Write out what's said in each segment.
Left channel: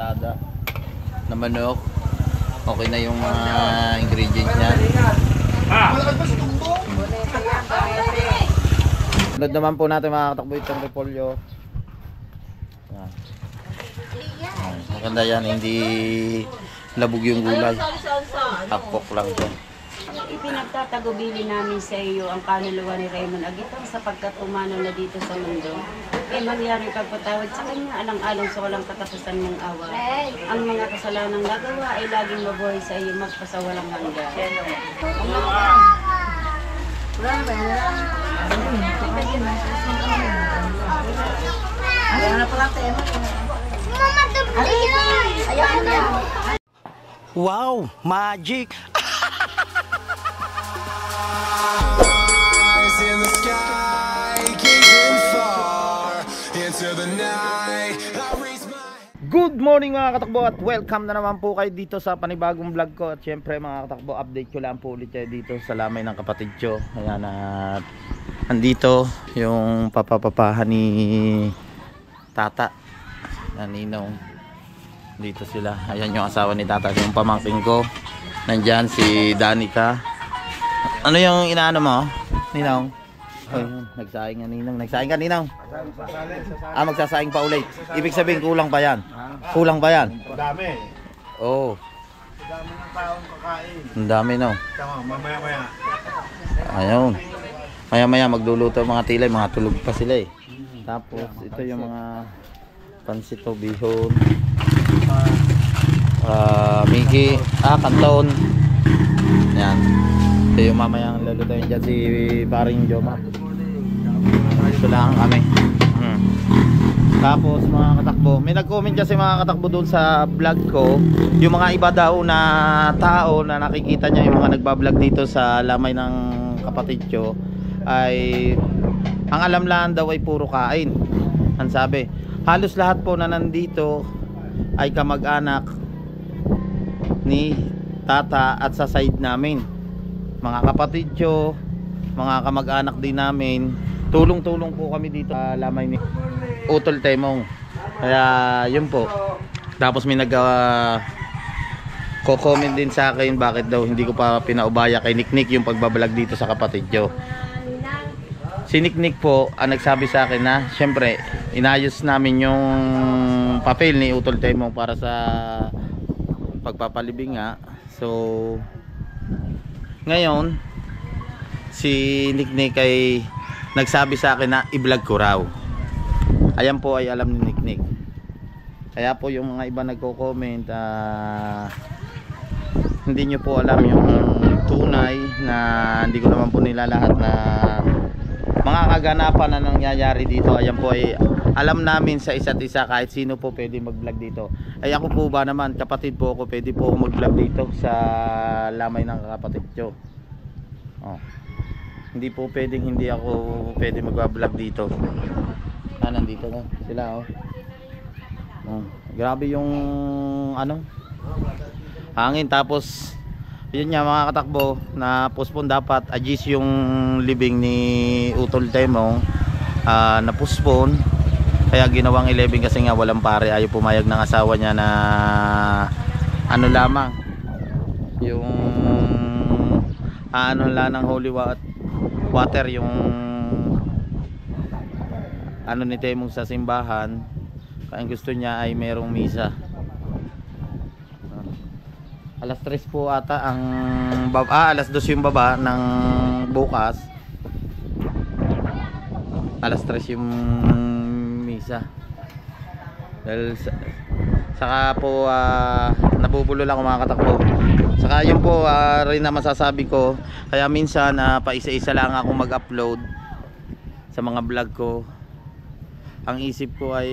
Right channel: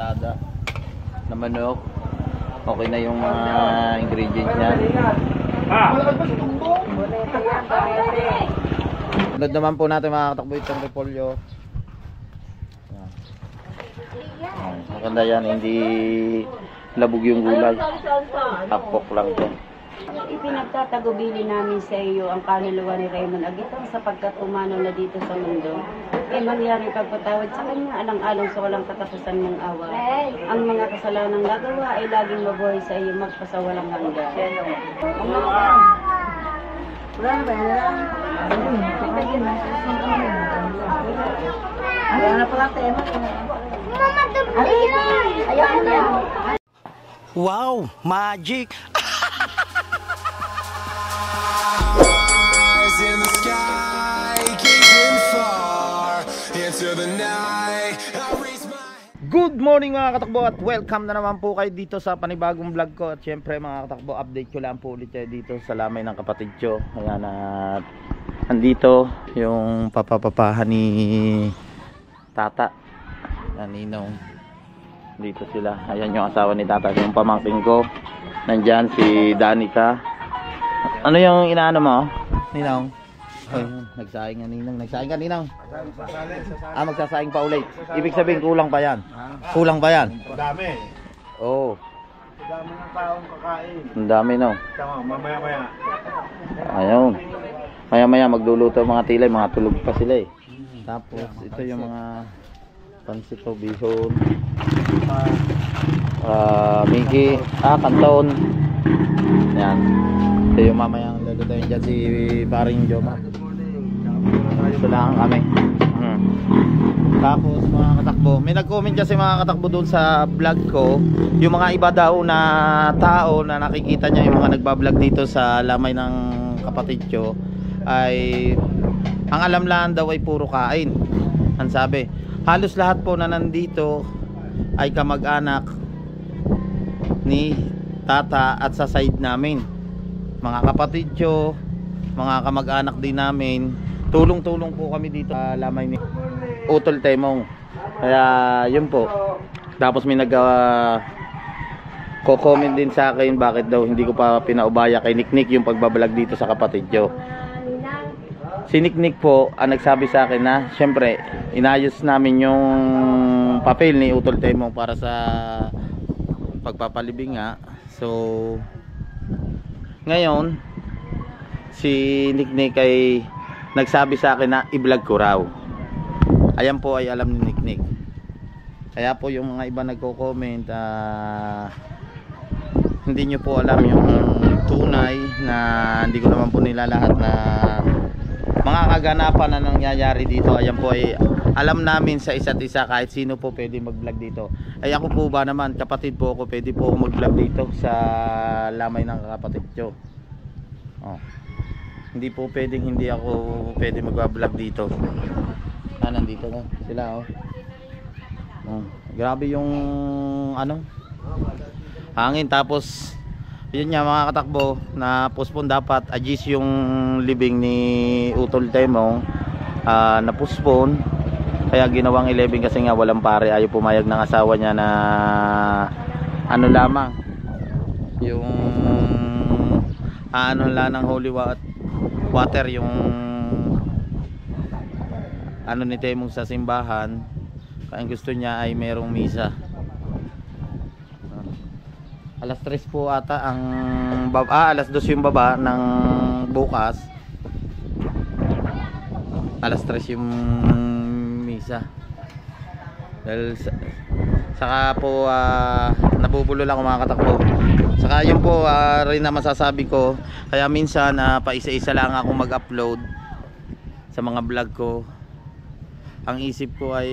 ensatada na manok. Okay na yung mga ingredients niya. Sunod naman po natin mga katakbo itong repolyo. Maganda yan, hindi labog yung gulay. Tapok lang ito. Ipinagtatagubili namin sa iyo ang kaluluwa ni Raymond Agitong sapagkat umano na dito sa mundo. Ay mangyaring pagpatawad sa kanya alang-alang sa walang katapusan ng awa. Ang mga kasalanang nagawa ay laging mabuhay sa iyo magpasawalang hanggan. Wow, magic! In the sky, gazing far into the night. I raise my... Good morning mga katakbo at welcome na naman po kayo dito sa panibagong vlog ko. At syempre mga katakbo, update ko lang po ulit kayo dito sa lamay ng kapatid ko. Ayan, at andito yung papapapahan ni Tata na Ninong. Dito sila. Ayan yung asawa ni Tata, yung pamangking ko. Nandyan si Danica. Ano yung inaano mo? Ninong? Oh, nagsaing nga Ninong. Nagsaing ka Ninong? Magsasaing pa ulit. Ibig sabihin kulang pa yan. Kulang pa yan. Dami. Oo. Dami ng taong kakain. Ang dami no. Tama, mamaya-maya. Ayun. Maya-maya magluluto mga tilay. Mga tulog pa sila eh. Tapos ito yung mga pansito, bihon, Miki, kanton. Yan. Ito yung mamayang lulutuin dyan si Paring Joma. Ito lang kami. Tapos mga katakbo, may nag-comment kasi mga katakbo doon sa vlog ko, yung mga iba daw na tao na nakikita niya yung mga nagbablog dito sa lamay ng kapatid ko ay ang alam lang daw ay puro kain. Ang sabi, halos lahat po na nandito ay kamag-anak ni Tata at sa side namin, mga kapatid ko, mga kamag-anak din namin. Tulong-tulong po kami dito sa lamay ni Utol Temong. Kaya yun po. Tapos may ko-comment din sa akin bakit daw hindi ko pa pinaubaya kay Niknik yung pagbabalag dito sa kapatid ko. Si Niknik po ang nagsabi sa akin na syempre inayos namin yung papel ni Utol Temong para sa pagpapalibing nga. So ngayon si Niknik ay nagsabi sa akin na i-vlog ko raw. Ayan po ay alam ni Niknik. Kaya po yung mga iba nagko-comment, hindi nyo po alam yung tunay na hindi ko naman po nila lahat na mga kaganapan na nangyayari dito. Ayan po ay alam namin sa isa't isa, kahit sino po pwede mag-vlog dito. Ay ako po ba naman, kapatid po ako, pwede po ako mag-vlog dito sa lamay ng kapatid ko. Hindi po pwedeng hindi ako pwede mag-vlog dito. Nandito na sila grabe yung hangin. Tapos yun nga mga katakbo, na postpone dapat adjust yung libing ni Utol Temong, na postpone. Kaya ginawang 11 kasi nga walang pare, ayaw pumayag ng asawa niya na lamang yung lang ng holy water yung ni Temong sa simbahan. Kaya ang gusto niya ay merong misa. Alas 3 po ata ang alas 2 yung baba ng bukas. Alas 3 yung misa. Dahil saka po nabubulo lang ako mga katakbo. Saka yun po rin na masasabi ko. Kaya minsan paisa-isa lang ako mag-upload sa mga vlog ko. Ang isip ko ay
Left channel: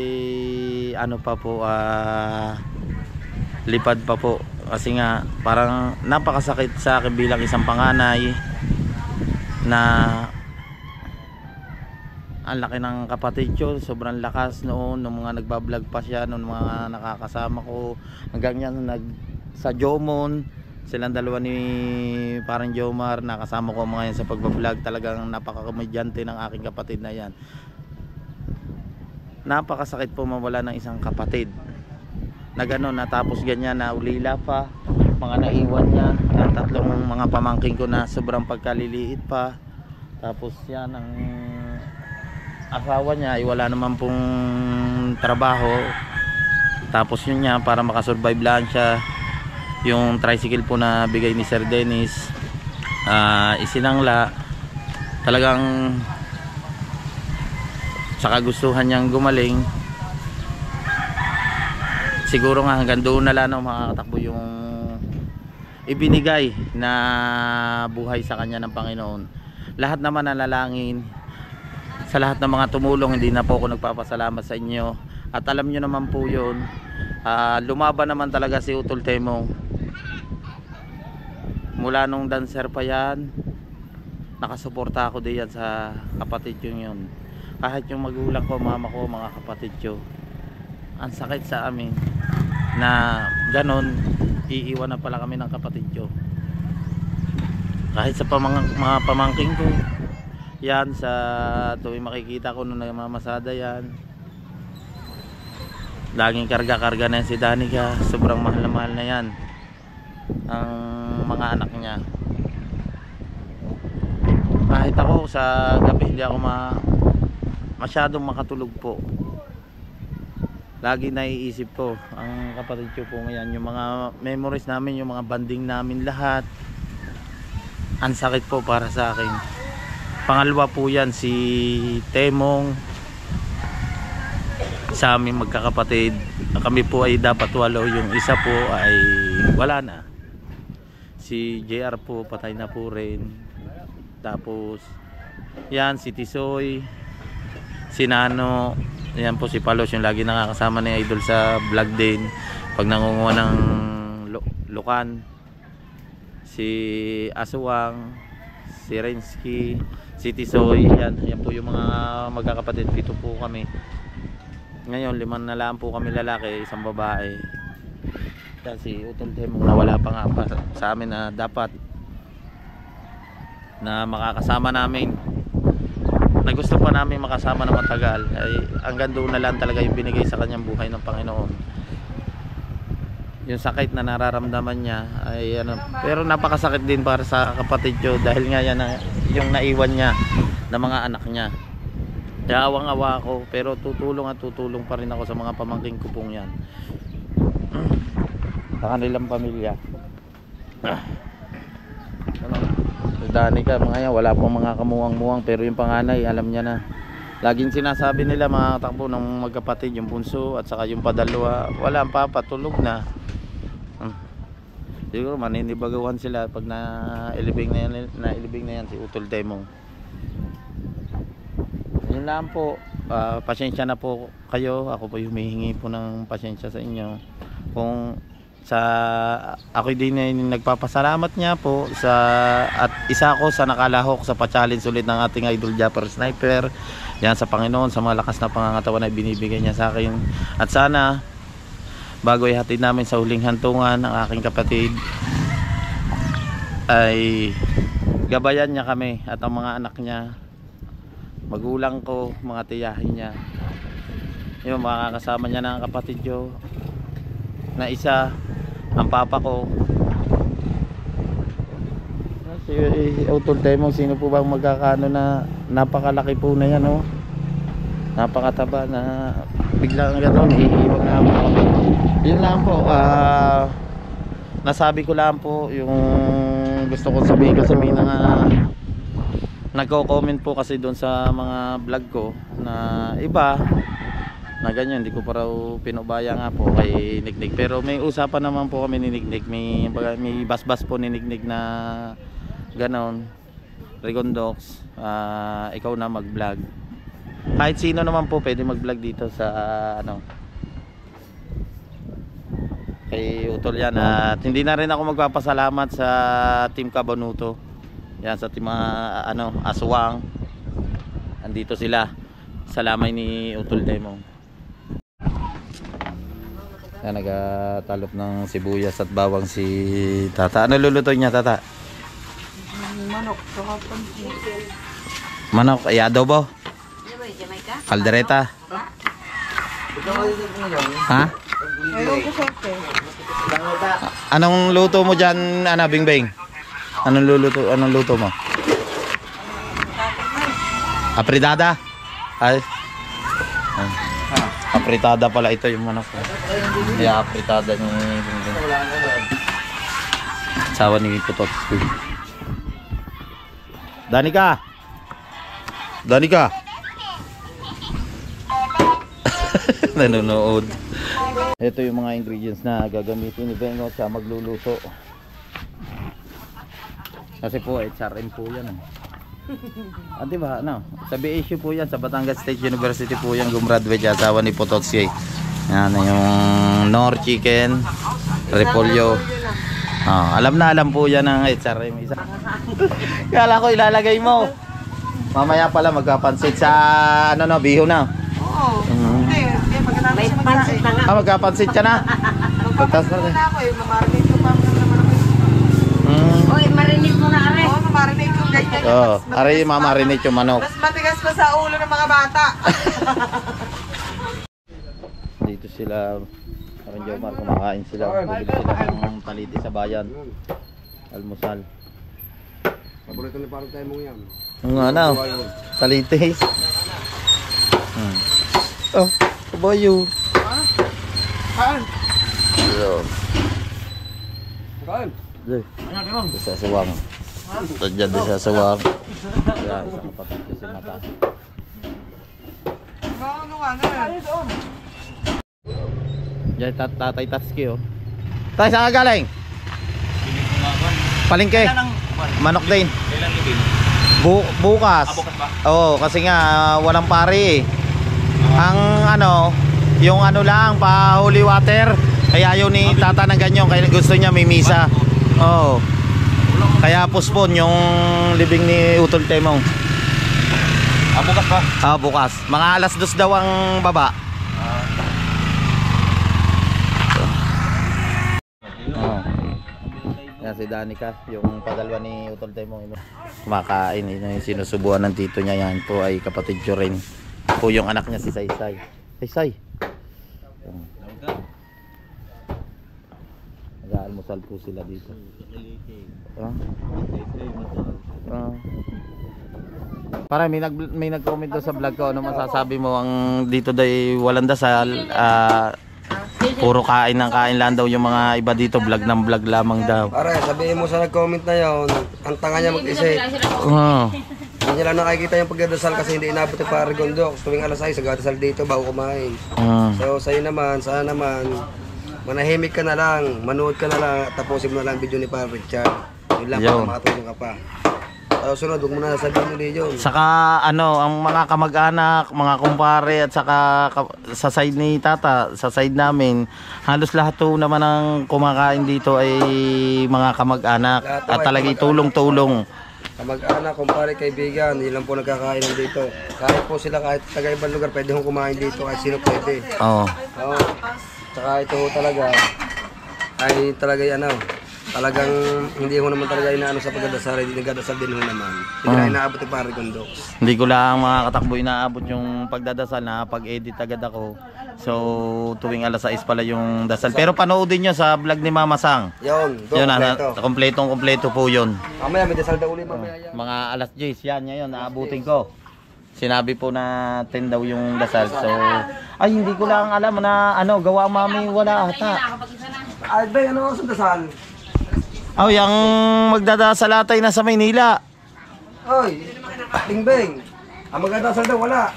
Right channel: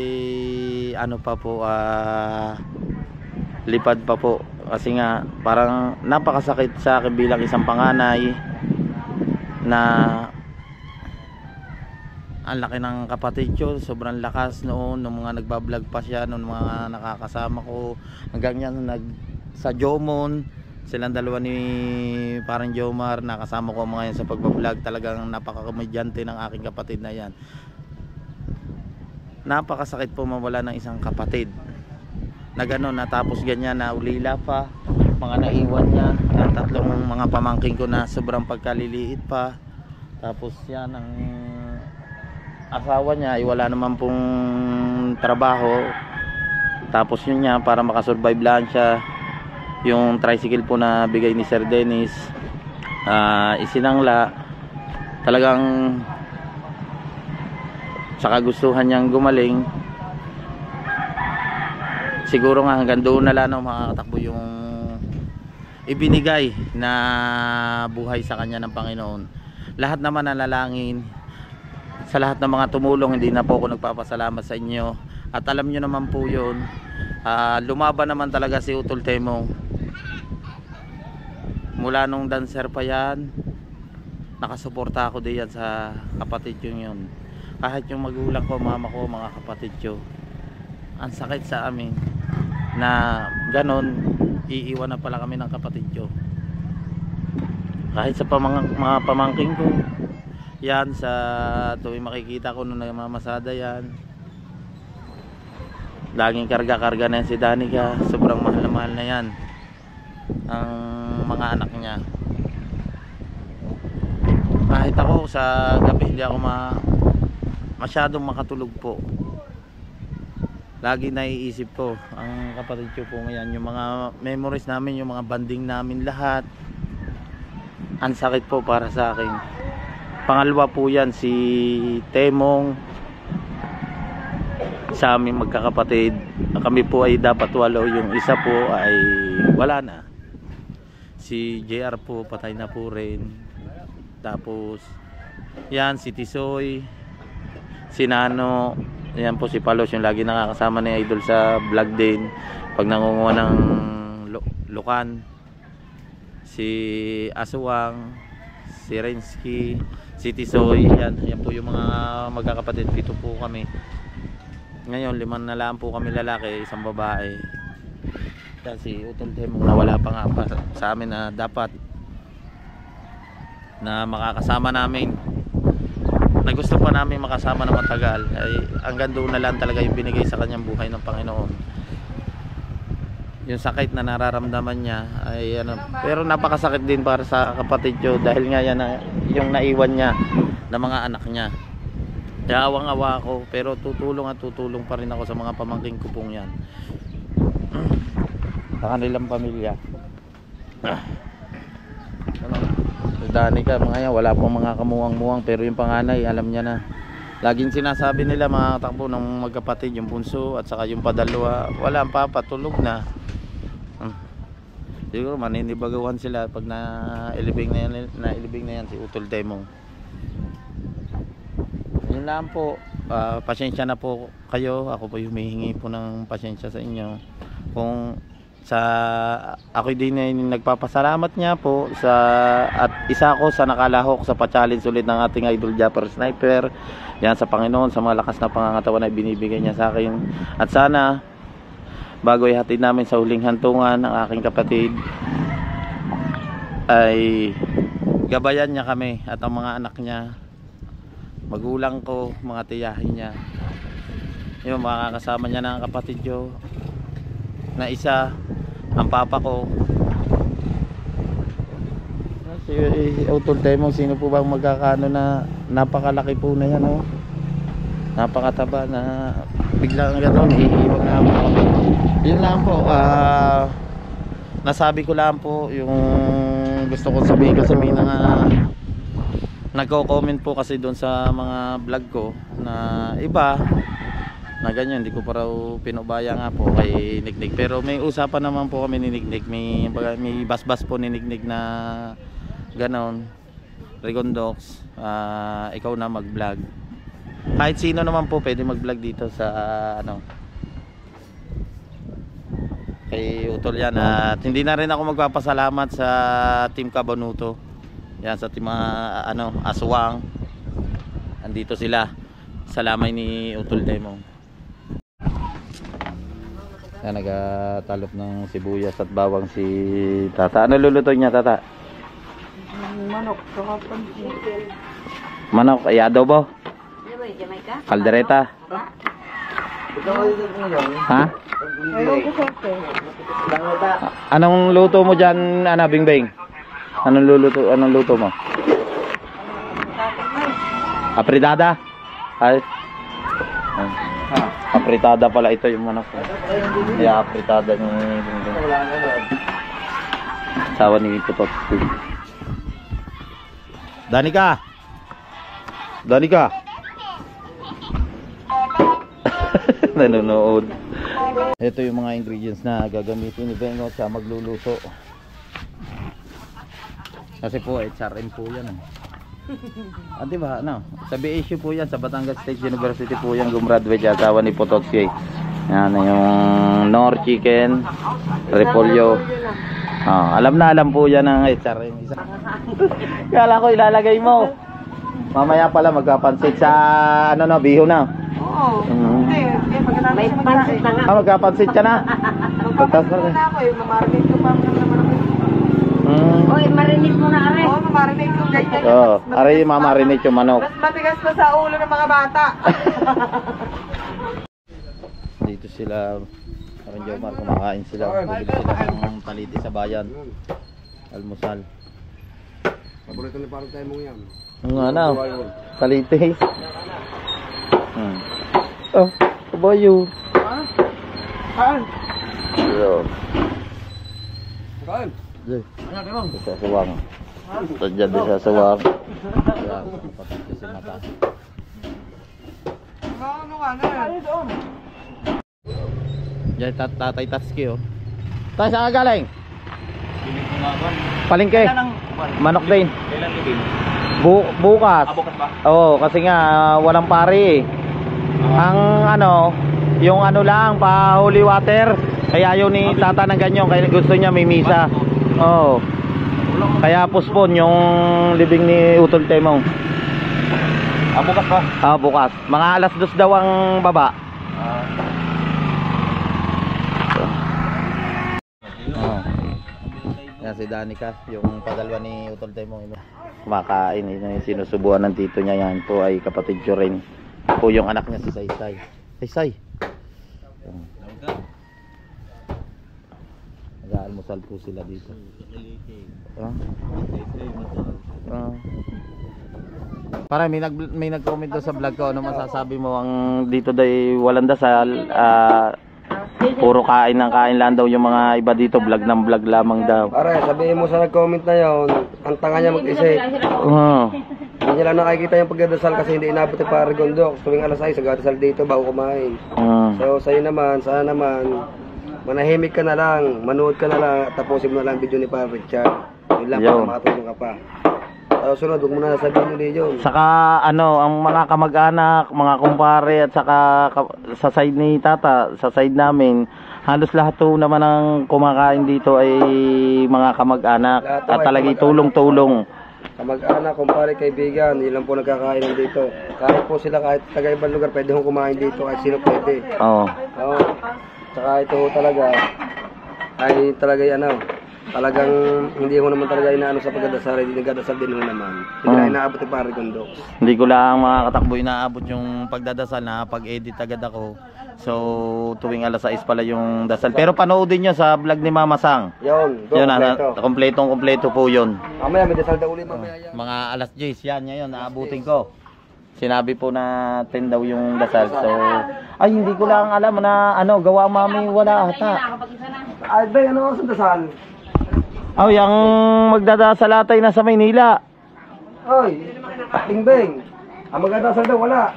lipad pa po. Kasi nga parang napakasakit sa akin bilang isang panganay na ang laki ng kapatid ko. Sobrang lakas noon nung mga nagbablog pa siya, nung mga nakakasama ko. Hanggang yan sa Jomon, silang dalawa ni parang Jomar, nakasama ko mga yan sa pagbablog. Talagang napakakomedyante ng aking kapatid na yan. Napakasakit po mawala ng isang kapatid na gano'n, natapos ganyan na ulila pa, mga naiwan niya, ang tatlong mga pamangking ko na sobrang pagkaliliit pa. Tapos yan, ang asawa niya ay wala naman pong trabaho. Tapos yun niya, para makasurvive lang siya, yung tricycle po na bigay ni Sir Dennis, isinangla. Talagang sa kagustuhan niyang gumaling, siguro nga hanggang doon na lang makakatakbo yung ibinigay na buhay sa kanya ng Panginoon. Lahat naman nalalangin sa lahat ng mga tumulong, hindi na po ako nagpapasalamat sa inyo, at alam nyo naman po yun. Lumaban naman talaga si Utol Temong mula nung dancer pa yan. Nakasuporta ako diyan sa kapatid yun. Kahit yung magulang ko, mama ko, mga kapatid ko, ang sakit sa amin na ganon, iiwan na pala kami ng kapatid ko. Kahit sa mga pamangking ko yan, sa tuwing makikita ko nung namamasada yan, laging karga-karga na yan si Danica. Sobrang mahal na yan ang mga anak niya. Kahit ako sa gabi hindi ako masyadong makatulog po. Lagi naiisip ko ang kapatid ko po ngayon, yung mga memories namin, yung mga banding namin lahat. Ang sakit po para sa akin. Pangalawa po yan si Temong, sa aming magkakapatid. Kami po ay dapat 8, yung isa po ay wala na. Si JR po patay na po rin. Tapos yan si Tisoy, si Nano, yan po si Palos, yung lagi nakakasama ni Idol sa vlog din pag nangunguha ng lukan. Si Aswang, si Rensky, si Tisoy, yan po yung mga magkakapatid. 7 po kami. Ngayon 5 na lang po kami lalaki, 1 babae. Kasi Utol Temong na wala pa nga pa sa amin na dapat na makakasama namin, na gusto pa namin makasama na matagal, ay hanggang doon na lang talaga yung binigay sa kanyang buhay ng Panginoon. Yung sakit na nararamdaman niya ay pero napakasakit din para sa kapatid ko, dahil nga yan yung naiwan niya ng mga anak niya. Kaya awang-awa ako, pero tutulong pa rin ako sa mga pamangking ko pong yan, sa kanilang pamilya. Danica, mga yan, wala pong mga kamuwang-muwang, pero yung panganay alam niya na. Laging sinasabi nila mga katakbo ng magkapatid, yung bunso at saka yung padalwa, wala ang papa, tulog na. Siguro maninibagawan sila pag nailibing na yan si Utol Temong. Yun lang po. Pasensya na po kayo, ako po humihingi po ng pasensya sa inyo. Kung ako din ay nagpapasalamat niya po at isa ako sa nakalahok sa pa-challenge ulit ng ating Idol Japper Sniper. Yan sa Panginoon, sa mga lakas na pangangatawan na binibigay niya sa akin. At sana bago ihatid namin sa huling hantungan ang aking kapatid, ay gabayan niya kami at ang mga anak niya, magulang ko, mga tiyahin niya, yung mga kasama niya ng kapatid ko na isa, ang papa ko, si Utol Temong. Sino po bang magkakano na napakalaki po na yan, oh? Napakataba na biglang gano'n, iiwan na po kami. Yun lang po, nasabi ko lang po yung gusto ko sabihin, kasi may nagko-comment po kasi doon sa mga vlog ko na iba na ganyan, hindi ko pa raw pinubaya nga po kay Niknik. Pero may usapan naman po kami ni Niknik, may basbas po ni Niknik na ganon, Rigondox, ikaw na mag vlog. Kahit sino naman po pwede mag vlog dito sa kay Utol yan. At hindi na rin ako magpapasalamat sa Team Cabanuto yan, sa team Aswang, andito sila sa lamay ni Utol Temong. Yan, nagatalop ng sibuyas at bawang si Tata. Ano luluto niya, Tata? Manok, Manok, ay adobo? Kaldereta? Ha? Anong luto mo dyan, Bingbing? Anong luto mo? Apritada? Ay. Apritada pala ito yung manok. Yeah, apritada ni Bingbing. Sawa ni Putot. Danica! Danica! Nanonood. Ito yung mga ingredients na gagamitin ni Bengo sa magluluto. Kasi po HRM po yan. Diba? Ano? Sa BSU po yan, sa Batangas State University po yan gumraduate siya, asawa ni Pototsi. Yan yung Nor Chicken, Repolyo. Alam na alam po yan ng HRM. Kala ko ilalagay mo. Mamaya pala magkapansit sa biho na. Oo. May pansit na nga. Magkapansit ka na. Magpapansit na ako eh. Mamarinate ko pa naman ako. Oy, marinate mo na are. Oo, mamarinate ko ganyan. Oo, aray mamarinate yung manok. Mas matigas pa sa ulo ng mga bata. Dito sila, parang Jomar, kumakain sila. Bibili sila ng taliti sa bayan. Almusal. Paborito ni parang tayo mong yan. Taliti. Oh, kabayo. Kaan? Kaan? Sa sawang. Tadyan din sa sawang. Yan, patati si mata. Ano nga na? Diyan, tatay Tatsuki oh. Tay, saan ka galing? Palengke. Manok din. Kailan libing? Bukas. Bukas ba? Oo, kasi nga walang pare eh. Ang yung lang, pa holy water. Kaya ayaw ni tata ng ganyan, kaya gusto niya may misa. Oo. Kaya postpone yung libing ni Utol Temong. Bukas ba? Bukas. Mga alas 2 daw ang baba. Yan si Danica, yung padalwa ni Utol Temong. Kumakain, yung sinusubuan ng tito niya. Yan po ay kapatid ko rin. Po yung anak niya si Saysay. Saysay. Nag-aalmusal po sila dito. Para may nag-comment daw sa vlog ko, ano masasabi mo ang dito day walang dasal, puro kain ng kain lang daw yung mga iba dito, vlog ng vlog lamang daw. Pare, sabihin mo sa nag-comment na yon, ang tanga niya mag-isip. Hindi niya lang nakikita yung pagdadasal kasi hindi inabot yung pare Gondok. Tuwing alas 6, nagdadasal dito bago kumain. So sa'yo naman, sana naman, manahimik ka na lang, manood ka na lang, tapusin mo na lang video ni Pare Richard. Yun lang, para makatulong ka pa. Tapos sunod, huwag mo na nasabihin ulit yun. Saka ang mga kamag-anak, mga kumpare at saka sa side ni tata, sa side namin, halos lahat to naman ang kumakain dito ay mga kamag-anak at talagang tulong-tulong. Kamag-anak, kumpare, kaibigan, yun lang po nagkakainan dito. Kahit po sila, kahit taga-ibang lugar, pwede hong kumain dito, kahit sino pwede. Oo. Tsaka ito talaga, ay talagang hindi ho naman talaga inaano sa pagdadasal, hindi nagdadasal din ho naman. Hindi na inaabot yung Pare Gondok. Hindi ko lang mga katakbo inaabot yung pagdadasal na pag-edit agad ako. So tuwing alas 6 pala yung dasal. Pero panoodin nyo sa vlog ni Mama Sang. Yun, Kompletong-kompleto po yun. Mamaya may dasal daw ulit mamaya yan. Mga alas 10 yan ngayon, naabutin ko. Sinabi po na 10 daw yung dasal. So ay hindi ko lang alam na gawa mami wala ata. Ay ba, ano sa dasal? Yung magdadasal atay na sa Maynila. Oy, Bingbing. Ang magdadasal daw wala.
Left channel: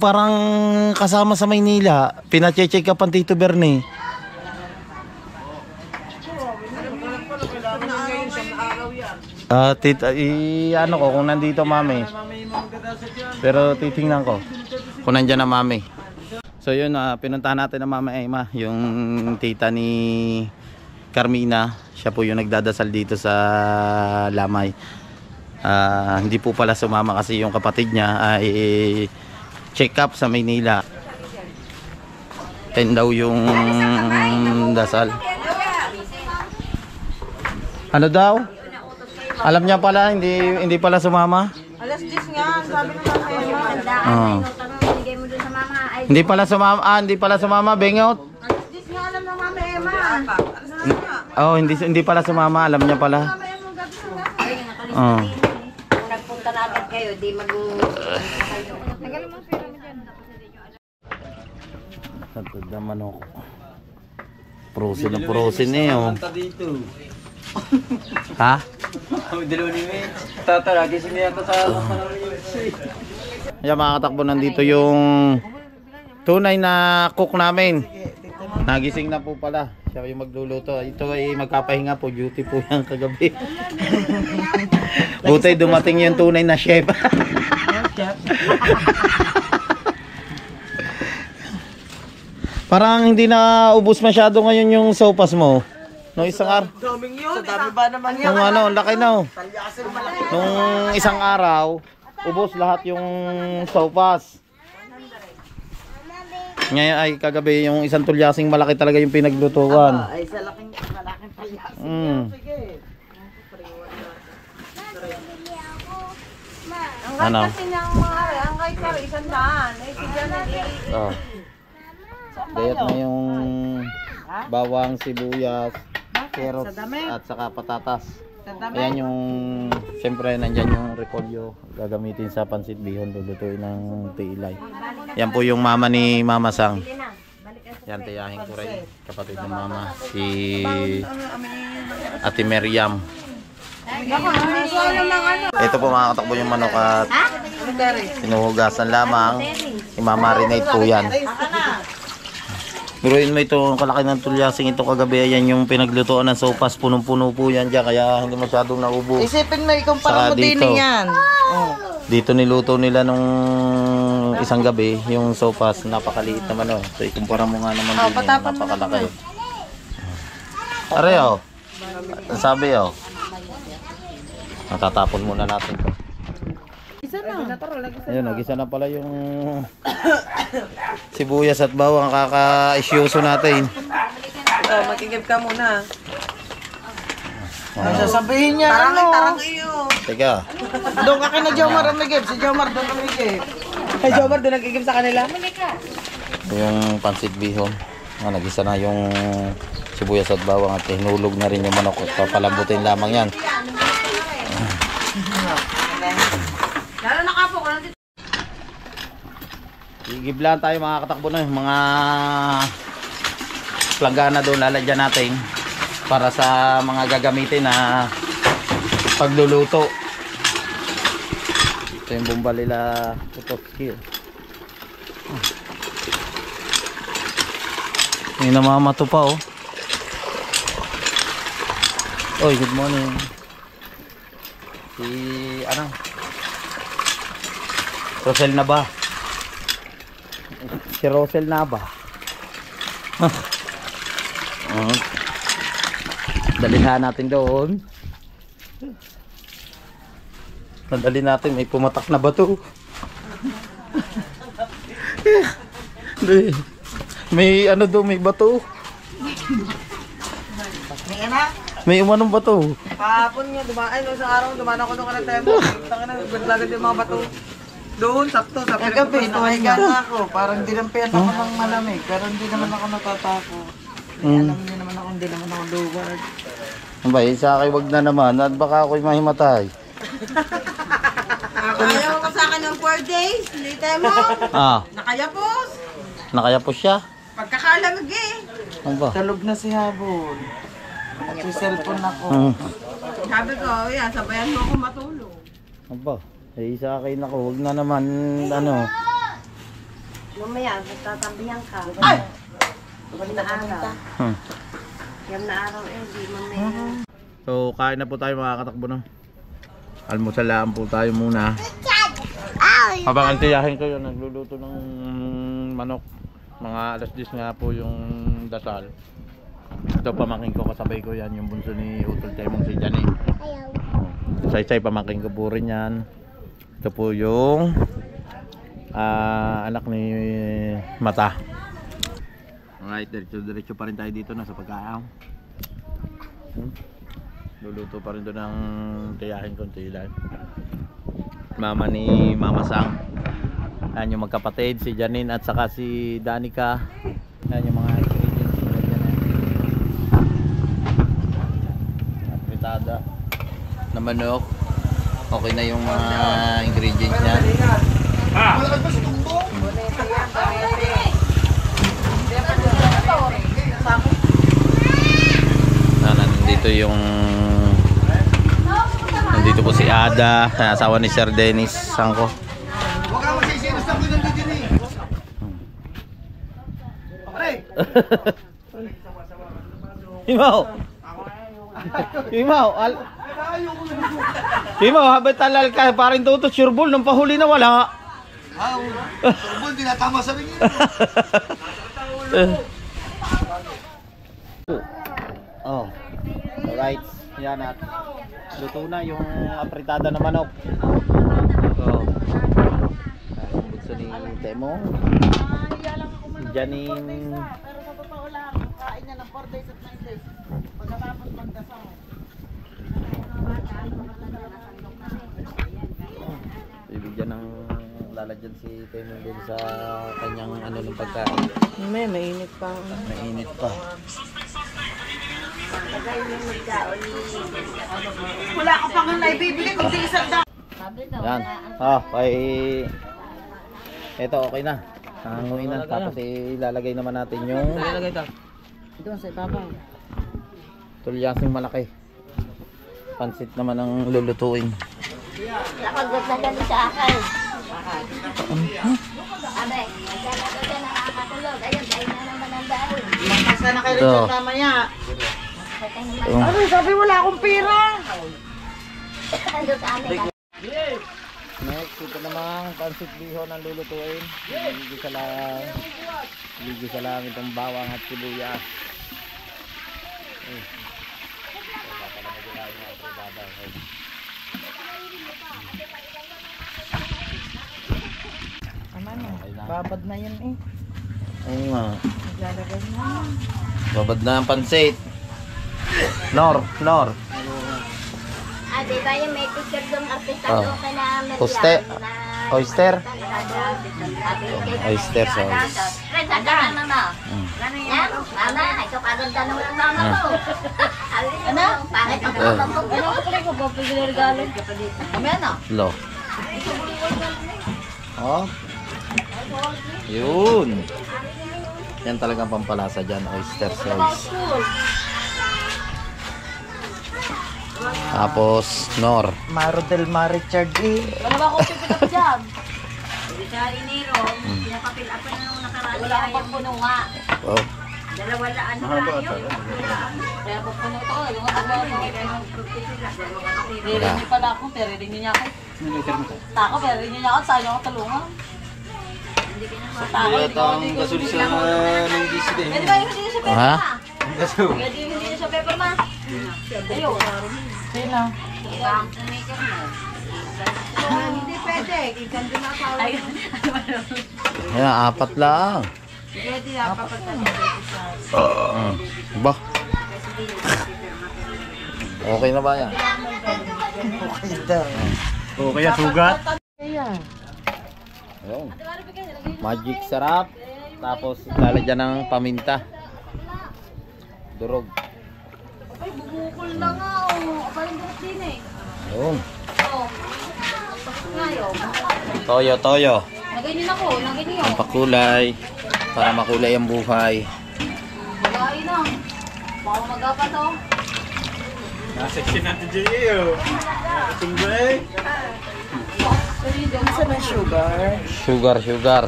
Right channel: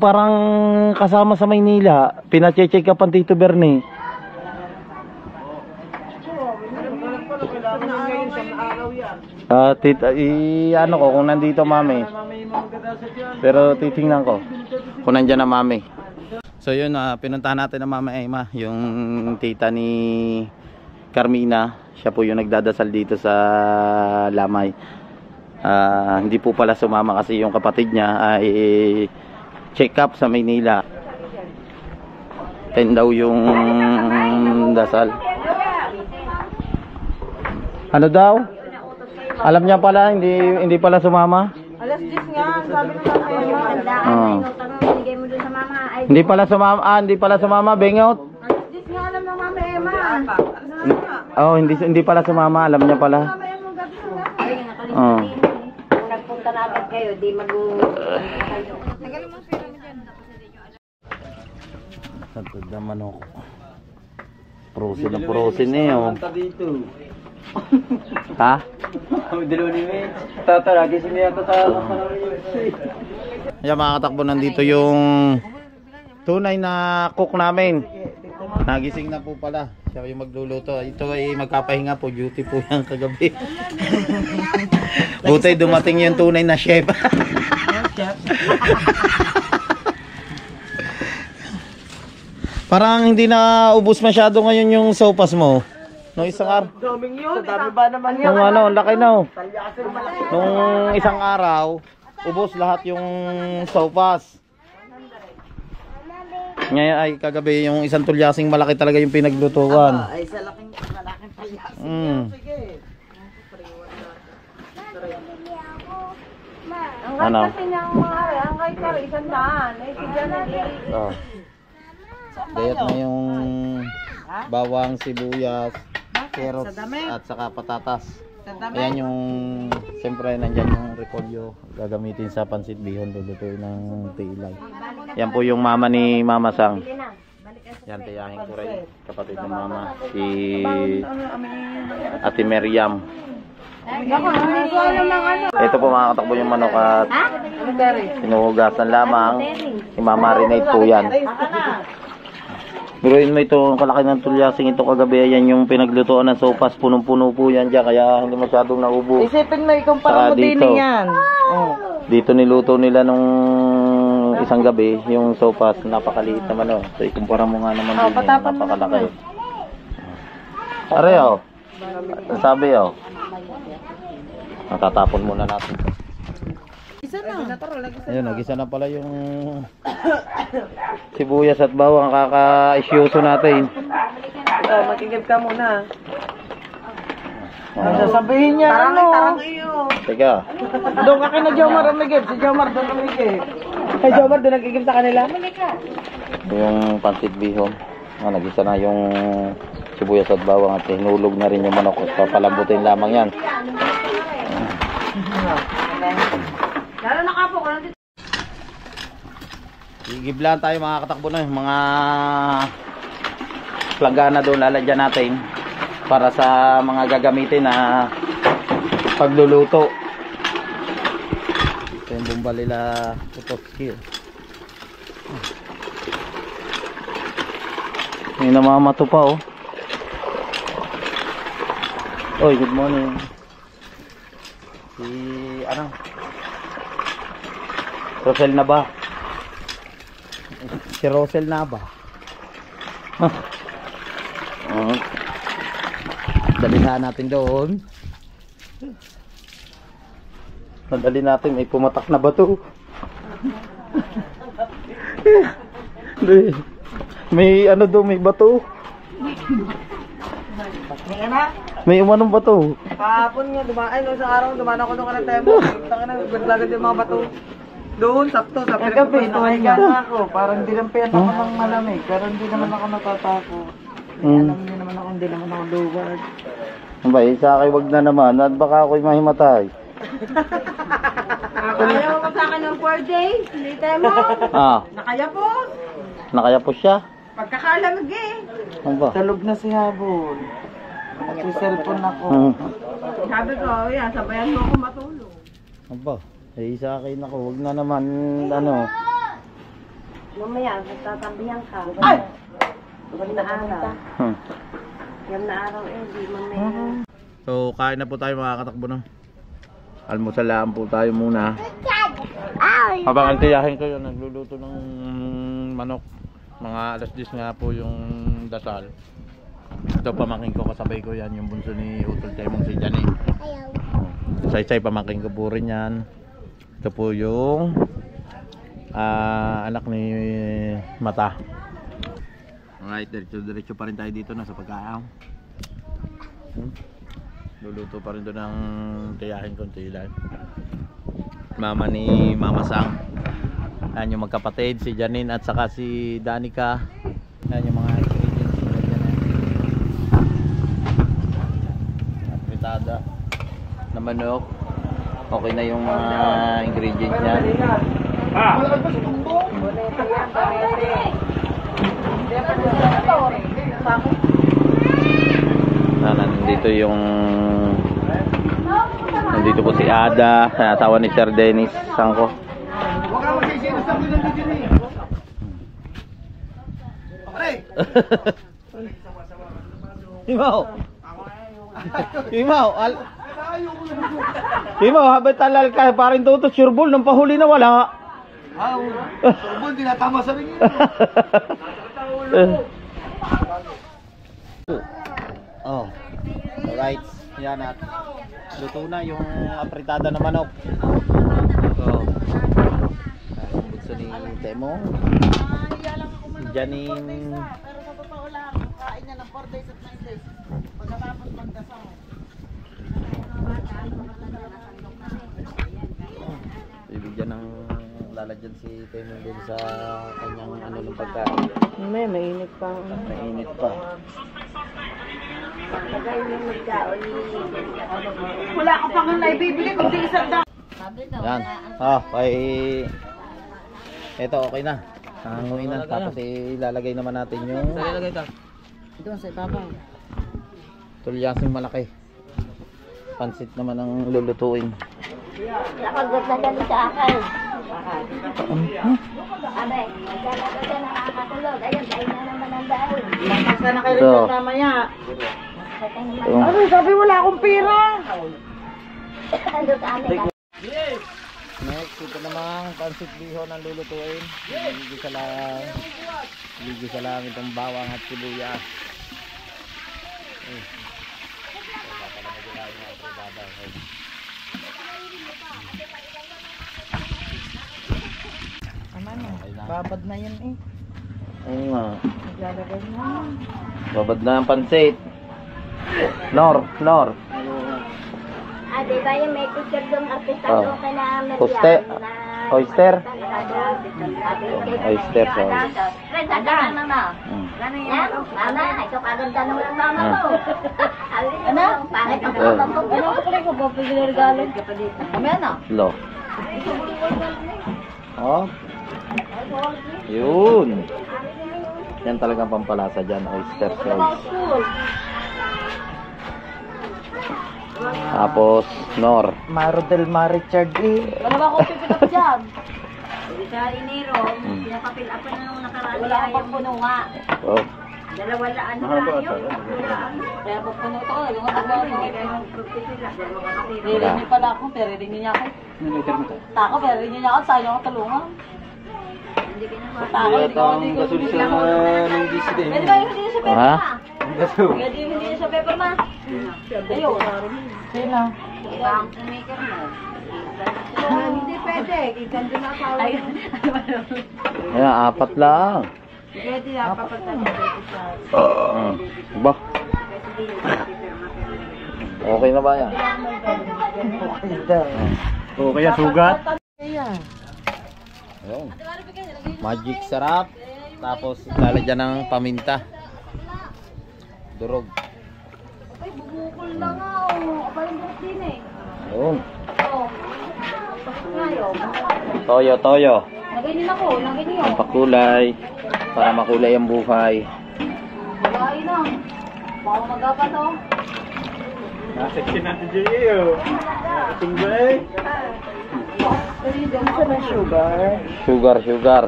Parang kasama sa Maynila. Pina-check up ang Tito Bernie. Ko kung nandito mami. Pero titingnan ko kung nandiyan na mami. So yun, pinuntahan natin na Mama Emma, yung tita ni Carmina. Siya po yung nagdadasal dito sa Lamay. Hindi po pala sumama kasi yung kapatid niya ay check up sa Maynila. 10 daw yung dasal. Ano daw? Alam niya pala, hindi pala sumama. Alas 10 nga, sabi ng mga Bigay mo dun sa mama, ay Hindi pala sumama, Bengot. Diyos nga alam ng Mama Emma. Oh, hindi pala sumama, alam niya pala. Oh. Kung nagpunta na agad kayo, di Tatod na manok. Prosin eh, oh. Ha? Ayan mga katakbo, nandito yung tunay na cook namin. Nagising na po pala. Siya yung magluluto. Ito ay magpapahinga po. Duty po yan kagabi. Buti dumating yung tunay na chef. Parang hindi na ubos masyado ngayon yung sopas mo. No, isang araw. Daming yun. Sa dami ba naman yan? Nung ano, ang laki na oh. Nung isang araw, ubos lahat yung sopas. Ngayon ay kagabi yung isang tulyasing malaki talaga yung pinaglutuan. Ay, sa malaking palyas. Sige. Ang Ano? kasi niya ang mga ang kahit sa 100. Ay, sige na. Oh. Dayat na yung bawang, sibuyas, carrots at saka patatas. Ayan yung, siyempre nandyan yung repolyo. Gagamitin sa pansit bihon, lulutuin ng tilay. Yan po yung mama ni Mama Sang. Yan, tiyahin ko rin. Kapatid ng mama. Si Ate Meriam. Ito po mga katakbo yung manok at sinuhugasan lamang. I-marinate po yan. Biruin mo ito, kalaki ng tulyasing ito kagabi. Ayan yung pinaglutoan ng sopas. Punong-puno po yan dyan, kaya hindi masyadong naubo. Isipin mo, ikumpara mo din yan. Dito niluto nila nung isang gabi, yung sopas, napakaliit naman oh. So ikumpara mo nga naman din yun, napakalaki. Are oh, sabi oh. Natatapon muna natin ito. Ayun, nagisa na pala yung sibuyas at bawang kaka-isyoso natin. Magigib ka muna. Ay, sasabihin niya, tarang iyo. Teka. Doon ka kina Jomar ang magigib. Si Jomar doon ang magigib. Kay Jomar doon nagigib sa kanila. Yung pansit bihon. Nagisa na yung sibuyas at bawang at hinulog na rin yung manok. Papalambutin lamang yan. Lalo na kapo. Igiblan tayo mga katakbo na. Mga planggana doon lalagyan natin para sa mga gagamitin na pagluluto. Ito yung bumbalila Putowski. May namamato pa oh. Oy, good morning. Si ano? Rosel na ba? Si Rosel na ba? Dalihan natin doon. Nadali natin, may pumatak na bato. May ano doon, may bato. May umanong bato. Kahapon nga, dumaan no, sa araw, dumaan ako doon ka ng tempo. Taka na, naglagad yung mga bato. Doon, sakto, sa pinagpapin ako. Parang dinampian ako ng malamig, pero hindi naman ako natatako. Alam niyo naman ako, hindi naman ako luwag. Abay, sa akin wag na naman, at baka ako'y mahimatay. Ayaw ko sa akin ng 4 days, hindi tayo mo. Nakayapos. Nakayapos siya? Pagkakalamig eh. Ano ba? Talog na si Habon. Nagsiselfon ako. Sabi ko, yan, sabayan mo ako matulog. Ano ba? Sa akin ako, wag na naman, ano. Mamaya, tatabihan ka. Ay! Yan na araw. Yan na araw eh, di mamaya. So, kain na po tayo mga katakbo no. Almusalaan po tayo muna. Habang antiyahin ko yun, nagluluto ng manok. Mga alas 10 nga po yung dasal. Ito pamangkin ko, kasabay ko yan, yung bunso ni Utol Temong si Jani. Say-say pamangkin ko po rin yan. Ito po yung anak ni Mata. Alright, diretso pa rin tayo dito na sa pagkain. Luluto pa rin doon ng tiyahin kong tilay. Mama ni Mama Sang. Yan yung magkapatid, si Janine at saka si Danica. Yan yung mga ingredients nila dyan. Apritada na manok. Okay na yung mga ingredients niya. Nandito po si Ada, asawa ni Sir Dennis Sangko. Huwag ka magsisinos na kung nandito ni. Pare! Himaw! Himaw! Himaw, habang talal ka, parang tutos, sureball, nung pahuli na wala. Sureball, tinatama sa ringin. Oh. Alright. Yan at luto na yung apritada na manok. Oh. Ang bugso ni Temo. Janine. Pero sa totoo lang, kain niya ng 4 days at 9 days. Pagkatapos magdasal. Bibigyan ng lalagyan si Temo din sa kanyang ano ng pagkain. Mainit pa. Mainit pa. Wala ka pang naibibili kung di isang daan. Yan. Oh, kay ito okay na. Hanguin na tapos ilalagay naman natin yung Doon sa ibabaw. tulyasing malaki. Pansit naman ang lulutuin. Nakagot na dyan sa akin. Abe, nagdalaga dyan na nakakatulog. Ayun, ayun na naman ang dahil. Basta na kayo Ito. rin mamaya. Ito. Ano, sabi wala akong pera. Ando sa amin. Next, ito namang pansit bihon ang lulutuin. Ligisa lang itong bawang at sibuyas. Tama na. Babad na yan eh. Oo nga. Naglalagay na. Babad na ang pansit. Nor. Ah, di ba yung may picture doon artista Oh. doon ka na Poste. Oyster. Oyster sauce. Fred, ada na na. Yan, mama, ito kaganda naman ang mama mo. Ano? Pangit ang mama mo. Ano ko pala ko bibili regalo? Kami ano? Lo. Oh. Yun. Yan talagang pampalasa dyan. Oyster sauce. Tapos, Nor. Maro del Mar Richard eh. Wala ba akong pipill up dyan? Sa Iniro, pinapapil up na nung nakaraan. Wala akong pagpuno nga. Oh. Dalawa laan tayo. Kaya pagpuno ito ko, yung mga Ririnig pala ako, pero ririnig niya ako. Tako, pero ririnig niya ako, sa'yo ako talungan. Tako, hindi ko gasol sa nang GC din. Pwede ba yung hindi sa paper Ha? ma? Pwede yung hindi sa paper ma? Ayun. Sino? Ibang maker mo. Hindi pwede. Ikan din ako. Ayun. Ayan, apat lang. Pwede na papatalo. Ba? Okay na ba yan? Okay daw. O kaya sugat. Ayan. Ayun. Magic sarap. Tapos lalagyan ng paminta. Durog. Ay, bubukol na nga. Aparang buhok din eh. Ayun. Ngayon. Toyo. Nagainin ako. Nagainin Ang pakulay. Para makulay ang buhay. Nagain na. Baka magapa to. Naseksi natin dyan iyo. Sumbay. Isa na sugar. Sugar.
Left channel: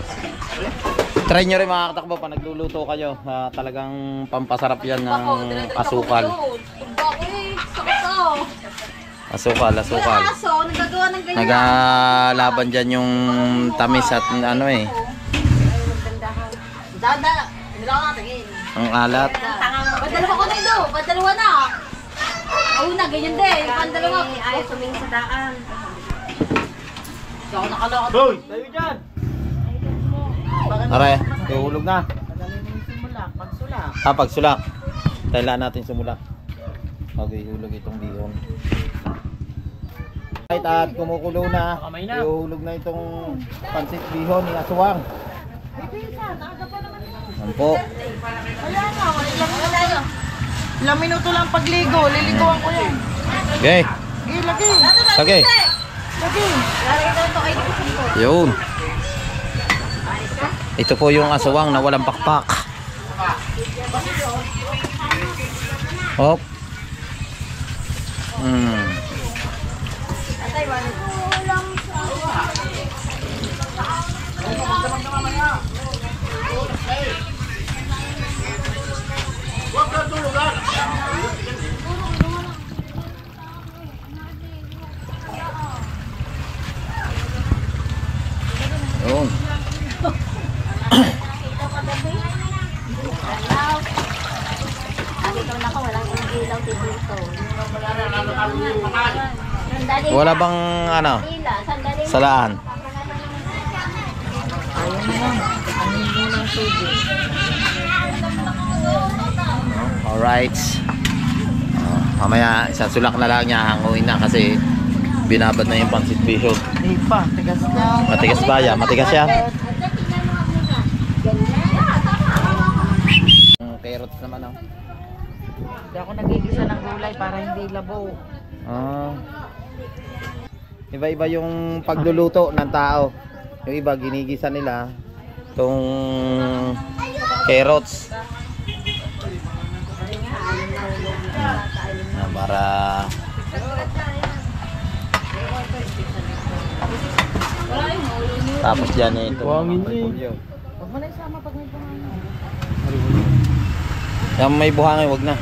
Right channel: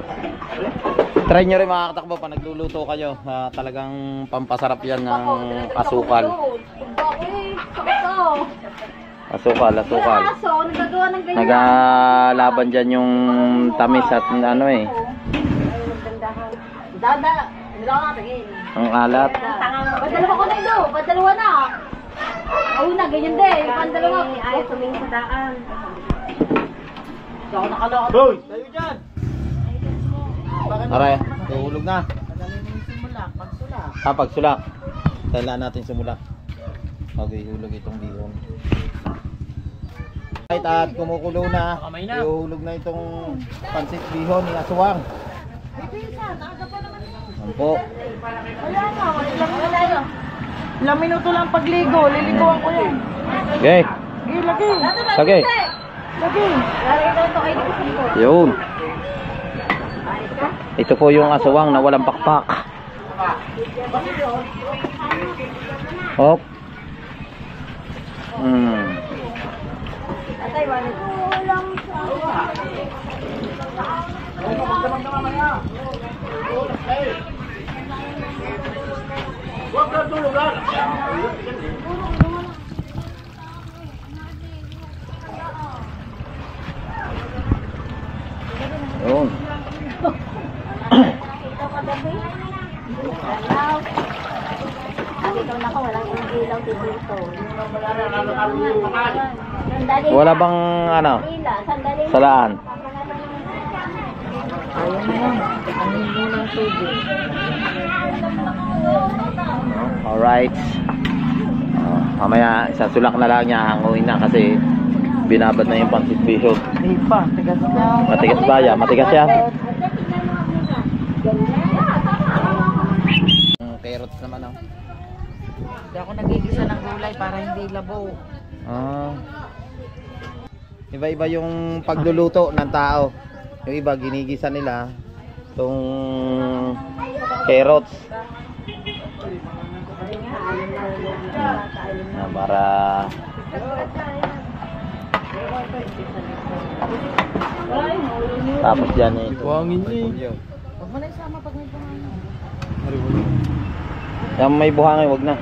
Try nyo rin mga katakbo pa nagluluto kayo. Talagang pampasarap yan ng asukal. Asukal. Aso, nagagawa ng ganyan. Nagalaban dyan yung tamis at ano eh. Dada, hindi ako natingin. Ang alat. Padalawa ko na ito, padalawa na. Una, ganyan din. Yung pandalawa, ayaw tumingin sa daan. Hindi ako nakalakad. Hoy, tayo dyan. Aray, ihulog na. Madali mo yung simula. Pagsulak. Pagsulak. Kailangan natin sumulak. Pag ihulog itong bihon. At kumukulo na, ihuhulog na itong pansit bihon ni Aswang. Yan po. Ilang minuto lang pagligo, liliguan ko yan. Okay. Lagi. Okay. Lagi. Yun. Ito po yung aswang na walang pakpak. Hop. Yun. Dito na ako, walang ilaw dito. Wala bang ano? Sandali. Salaan. Alright. Mamaya isang sulak na lang niya, hanguin na kasi binabad na yung pansit bihon. Hindi pa, tigas na. Matigas ba yan? Matigas yan? Carrots naman oh. Hindi ako nagigisa ng gulay para hindi labo. Iba-iba yung pagluluto ng tao. Yung iba ginigisa nila itong carrots. Para tapos dyan ito. Buhangin niya. Huwag mo na isama pag may buhangin. Yung may buhangin, wag na.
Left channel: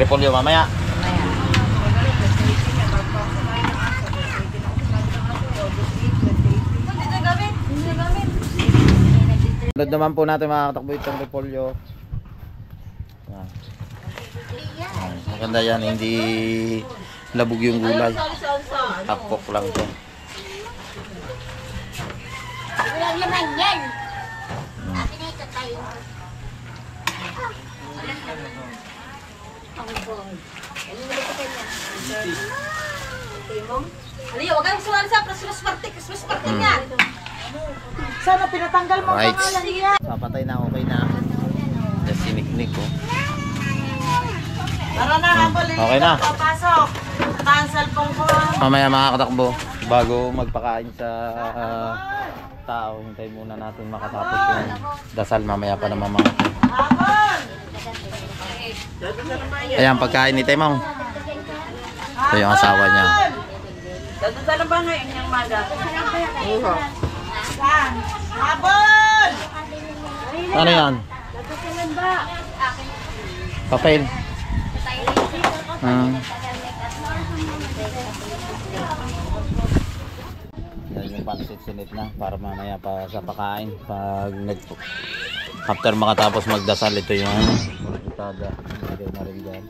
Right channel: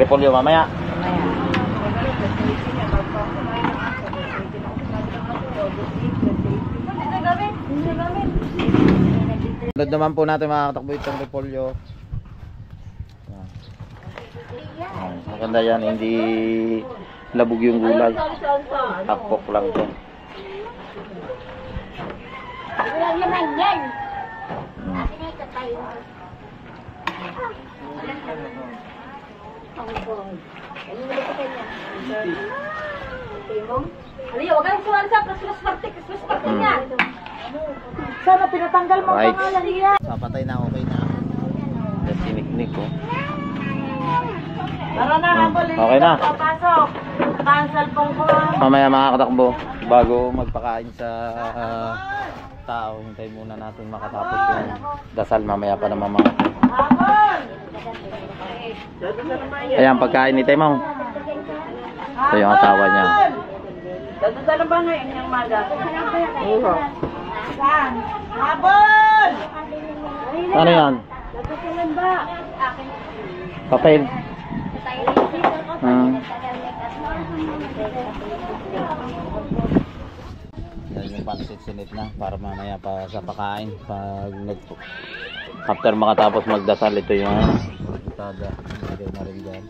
Repolyo mamaya. Sunod naman po natin makakatakbo itong repolyo. Maganda yan, hindi labog yung gulay. Half-cook lang to. Wala naman yan. Akin na ito tayo. Aliyo, wag kang suwan sa Christmas party niya. Sana pinatanggal mo Right. pangalan niya. Papatay na, okay na. Just siniknik ko. Tara na, habol. Okay na. Papasok. Cancel pong ko. Mamaya makakatakbo bago magpakain sa tao. Hintayin muna natin makatapos yung dasal. Mamaya pa naman mga. Ayan, pagkain ni Temong. Ito yung asawa niya. Dadala ba ngayon yung maga? Oo. Saan? Habol! Ano yan? Papel. Yan yung pansit sinit na para mamaya pa sa pakain. Pag after makatapos magdasal, ito yung itada. Ilagay na rin dyan.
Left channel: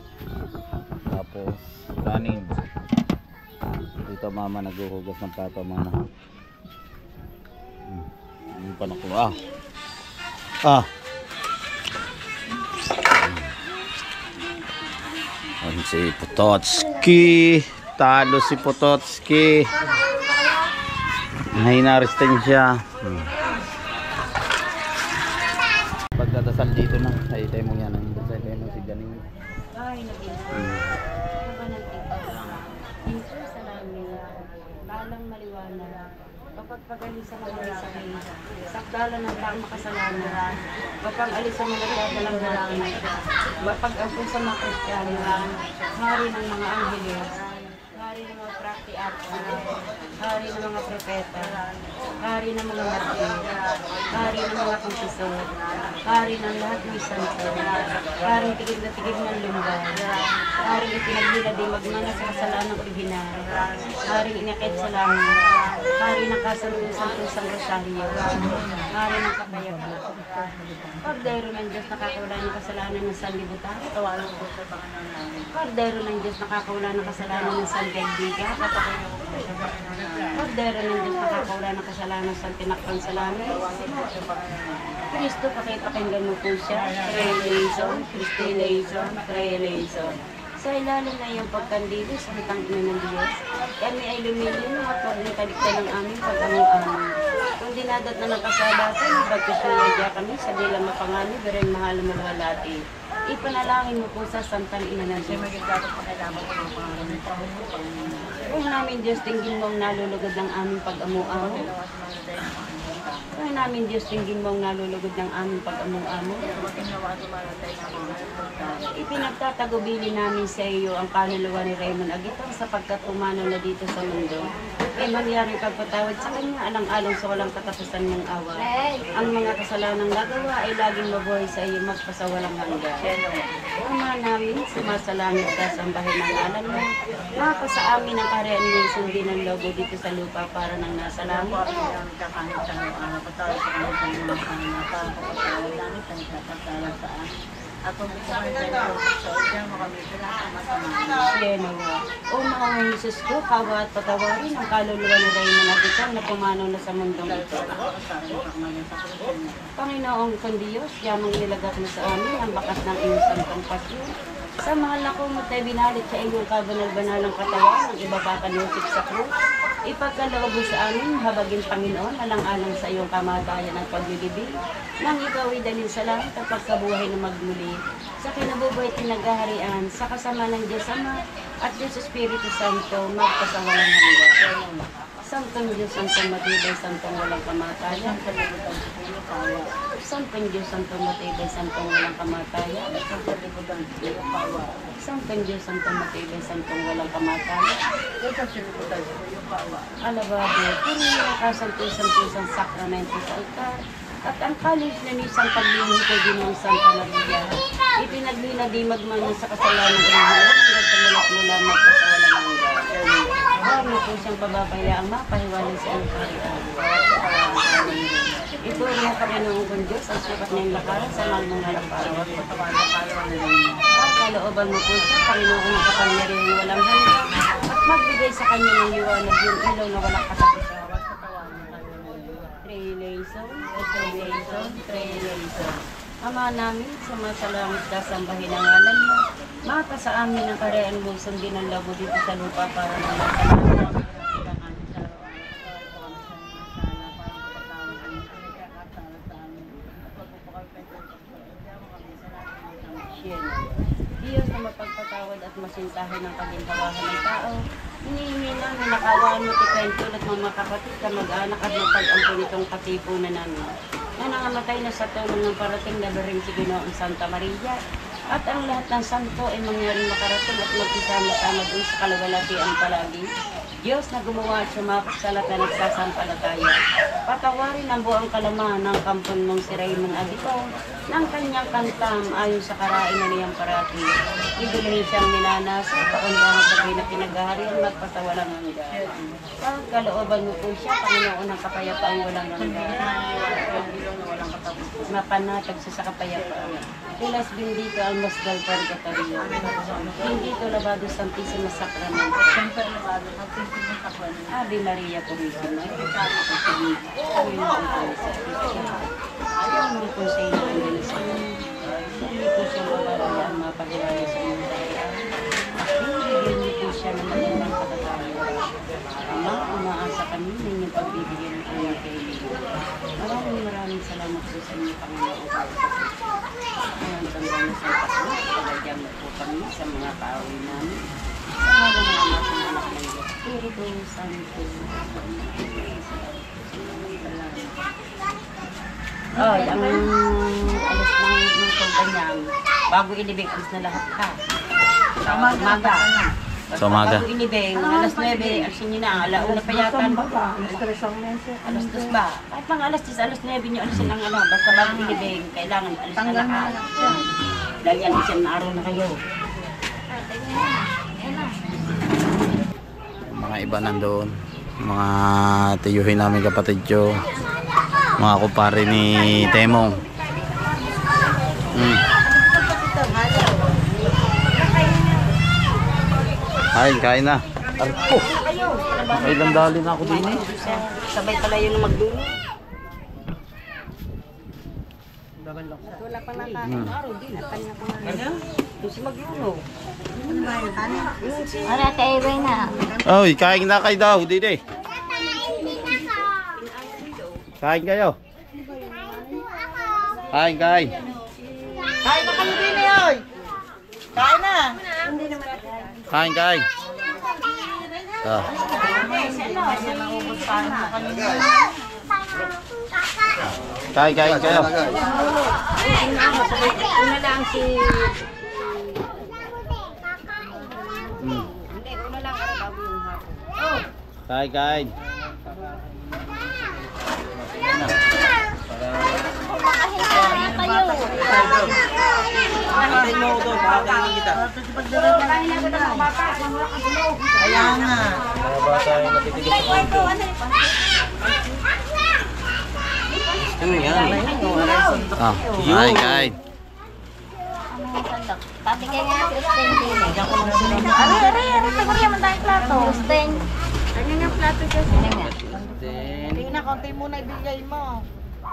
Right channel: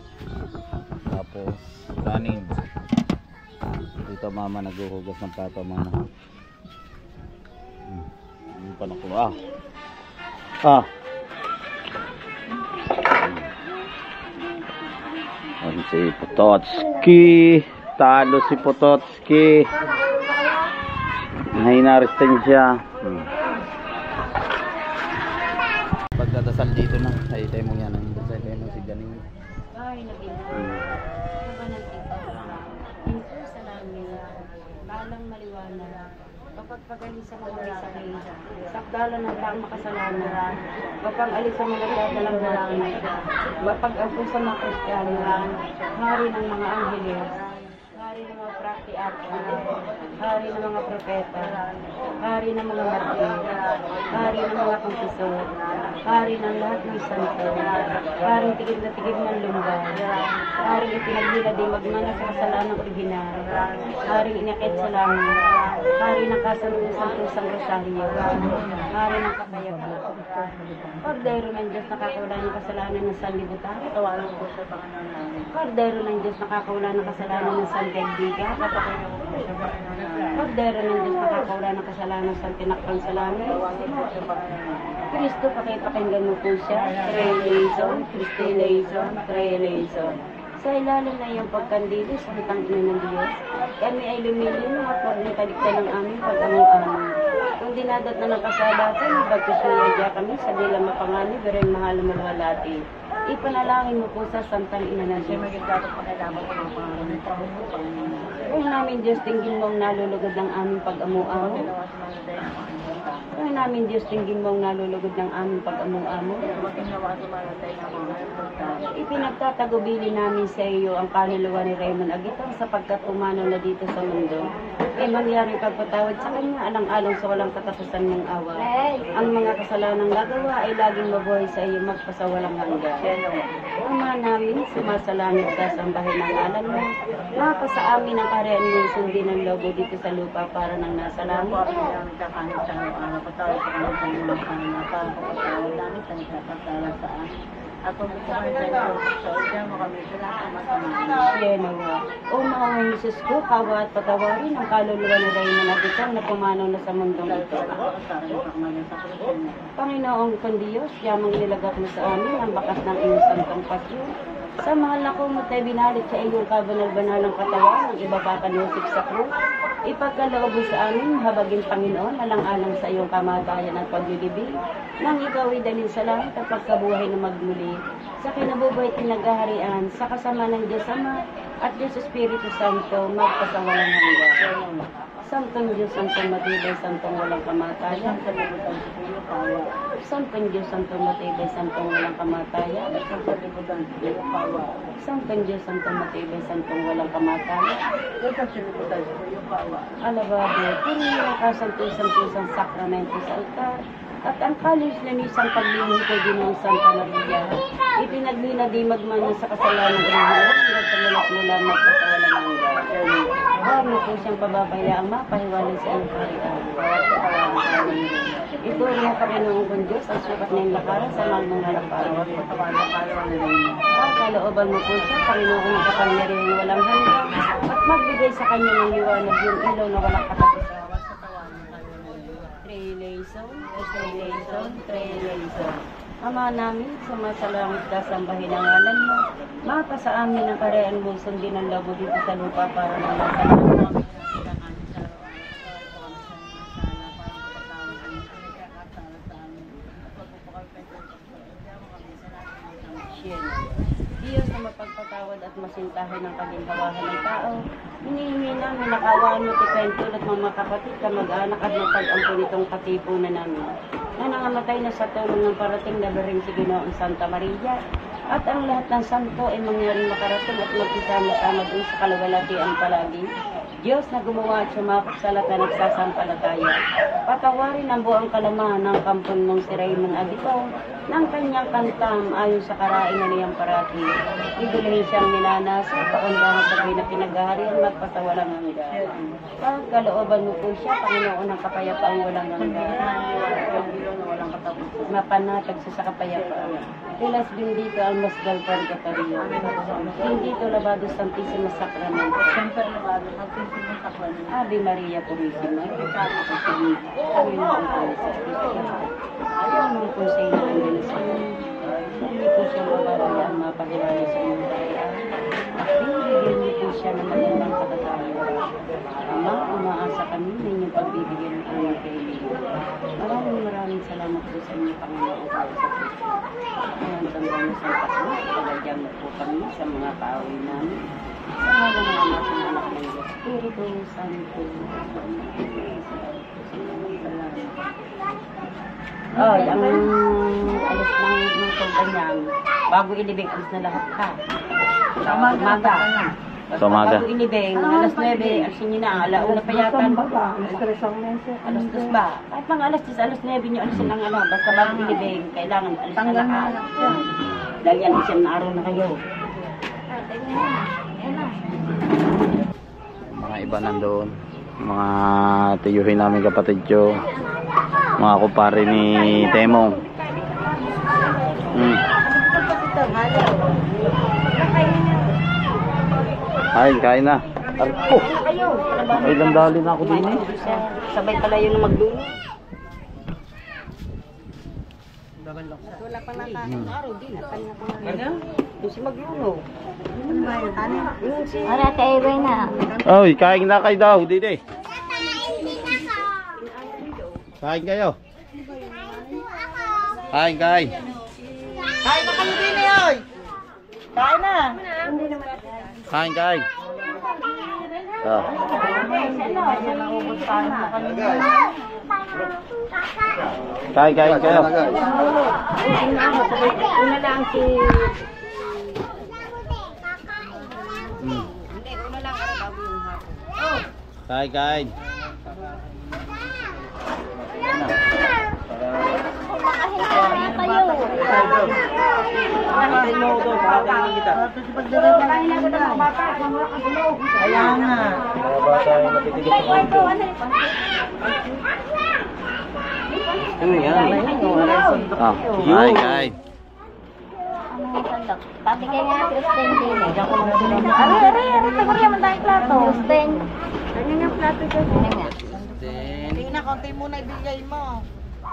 Tapos kanin. Dito mama naghuhugas ng plato mama. Yung panaklo. Si Pototski. Talo si Pototski. Hinarestin siya. Pagdadasal dito na. Ay, tayo mo yan. Tayo mo si Janing. Ay, nag-iba ng tita. Dito sa namin, balang maliwanag. Kapag pag-alis sa mga sa kayo, sakdala ng taong makasalanan. Kapag alis sa mga dadalang natin. Kapag ako sa mga Kristiyano, hari ng mga angeles, hari ng mga praktiato, hari ng mga propeta, hari ng mga martir, hari ng mga kumpisor, hari ng lahat ng santo, hari tigid na tigid ng lumbay, hari ipinaghila di magmana sa kasalanang original, hari inakit sa langit, hari ng kasantusang rosaryo, hari ng kapayapot. Kordero ng Diyos nakakawala ng kasalanan ng sanlibutan. Kordero ng Diyos nakakawala ng kasalanan ng sanlibutan. Kordero ng Diyos nakakawala ng kasalanan ng santinakpan sa langit. Kristo, pakipakinggan mo po siya. Creation, Christianation, Creation. Sa ilalim na iyong pagkandili sa kitang ina ng Diyos, kami ay lumilino at magnikalikta ng aming pag-amo-amo. Kung dinadat na ng kasalatan, bagkusuya kami sa dilang mapangani, berin mahal malwalati. Ipanalangin mo po sa Santang Ina ng Diyos. Kung namin Diyos, tingin mo ang nalulugod ng aming pag-amo-amo. Kung namin Diyos, tingin mo ang nalulugod ng aming pag-amo-amo. Ipinagtatagubili namin sa iyo ang kaluluwa ni Raymond Agitong sapagkat pumanaw na dito sa mundo. Kaya mangyari pagpatawad sa kanya, alang-alang sa walang katapusan mong awa. Ang mga kasalanang nagawa ay laging mabuhay sa iyo magpasawalang hanggan. Ama namin, sumasalangit ka sa bahay ng ngalan mo. Maka sa amin ang kaharian mo, sundin ang logo dito sa lupa para nang nasa langit. At kung gusto kayo tayo sa udya, makamit sila sa masama. Siyenawa. O mga Jesus ko, kawa at patawarin ang kaluluwa ni Raymond Agitong na pumanaw na sa mundong ito. Panginoong kong Diyos, yamang nilagak mo sa amin ang bakas ng iyong santong pasyon. Sa mahal na kumot ay binalit sa iyong kabanal-banalang katawan ang iba pa kanusip sa krus. Ipagkaloob mo sa amin, habagin Panginoon, alang-alang sa iyong kamatayan at paglilibig, nang ikaw ay dalhin sa langit at pagkabuhay na magmuli, sa kinabubuhay tinaghaharian, sa kasama ng Diyos Ama at Diyos Espiritu Santo, magpasawalang hanggan. Santong Diyos, Santong matibay, Santong walang kamatayan. Santong Diyos, Santong matibay, Santong walang kamatayan. Santong Diyos, Santong matibay, Santong walang kamatayan. Alabado, purihin ang kasantusang sakramento sa altar. At ang kalis na nisang paglingin ko din ng Santa Maria, ipinaglinadi magmana sa kasalanan ng Diyos hanggang sa mulak-mula magpasawalang hanggan. Huwag mo po siyang pababayaang mapahiwalay sa iyong kaharian. Ito rin ang Panginoon kong Diyos, ang sukat na yung lakaran sa mahal mong harapan. At kalooban mo po siya, Panginoon ng kapangyarihan walang hanggan, at magbigay sa kanya ng liwanag yung ilaw na walang katapusan. Trelation. Ama namin, sumasalangit ka sa bahay ng ngalan mo. Maka sa amin ang kaharian mo, sundin ang labo dito sa lupa para ng masalamang. Diyos na mapagpatawad at masintahin ng kaginhawahan ng tao, hinihingi namin nakawaan mo tikain tulad mga kapatid, kamag-anak at mapag-ampo nitong katipunan namin na nangamatay na sa tulong ng parating na baring si Ginoong Santa Maria at ang lahat ng santo ay mangyaring makarating at magkisama-sama dun sa kalawalatian palagi. Diyos na gumawa at sumakot sa lahat na nagsasampalataya. Patawarin ang buong kalamahan ng kampon mong si Raymond Agitong ng kanyang kantam ayon sa karainan niyang parati. Idulhin siyang nilanasa, pakundangan sa pinaghaharian magpasawalang hanggan. Pagkalooban mo po siya, Panginoon ng kapayapaan walang hanggan. Mapanatag siya sa kapayapaan. Pilas bendito al masdal purgatorio. Bendito labado Santísimo Sacramento. Ave Maria Purísima. Panginoon po sa Kristo. Ayaw po sa inyo ang dinasan. Hindi po siya mababayaan mapahiwalay sa inyong kaharian. Bibigyan niyo po siya ng magandang katatayo. Ama, umaasa kami na inyong pagbibigyan ng aming kaibigan. Maraming salamat po sa inyo, Panginoon. Ngayon, tandaan mo sa Panginoon, talagyan mo po kami sa mga kaawin namin. Sa mga anak ng anak ng Diyos, Espiritu Santo. Oh, ang alas ng kanyang bago ilibig, alas na lahat ka. Sa umaga. Sa umaga. Bago ilibig, alas 9, alisin nyo na. Alauna pa yata. Alas 2 ba? Kahit mga alas 10, alas 9 nyo alisin ang ano. Basta bago ilibig, kailangan alis na lahat. Dahil yan, isang araw na kayo. Mga iba nandoon, mga tiyuhin namin kapatid ko, mga kupare ni Temong. Ay, kain na. Arpo. Ay, landali na ako din eh. Sabay pala yun na magdulo. Wala pa nakain araw din. Kanya ko na. Yung si Magyuno. Wala tayo ba na? Oy, kain na kayo daw, dito. Kain kayo. Kain. Kain na kami din eh, oy. Kain na. Kain. Oh. Kain kayo. Una lang si... Hindi, una lang ako bago yung hapon. Kain. Kaya nga. Ah, kain. Pati kaya nga, Kristen din eh. Ari, siguro yaman tayong plato. Kristen. Ano nga plato dyan? Ano nga? Hindi na, konti muna ibigay mo.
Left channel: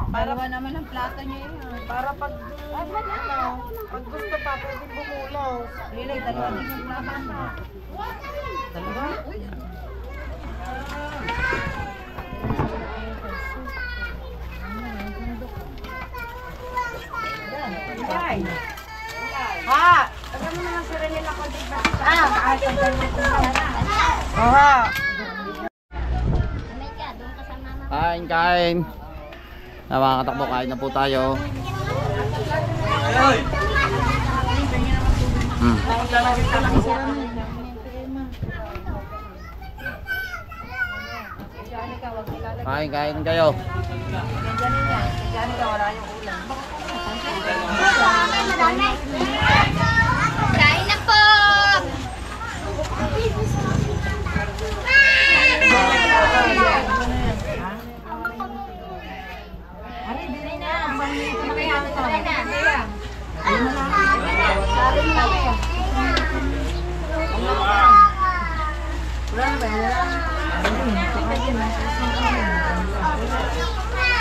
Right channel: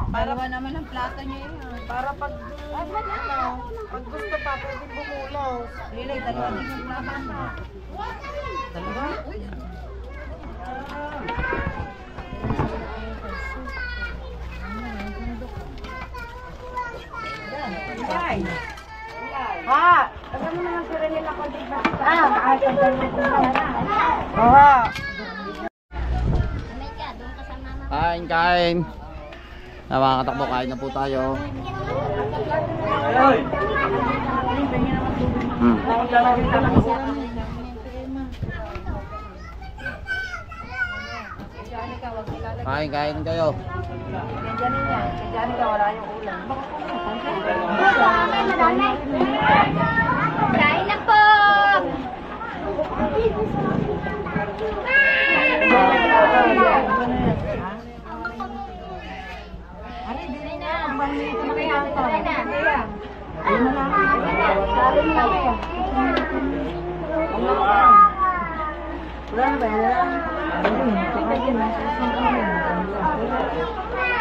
Para naman ang plato niya yun. Para pag, pag gusto pa, pwede bumulaw. Lilay, dalawa din yung laban. Dalawa? Uy. Ha! Alam mo naman si Rene na konti ba? Oha! Doon ka sa mama. Kain. Mga katakbo, kain na po tayo. Kain kayo. Kain na po!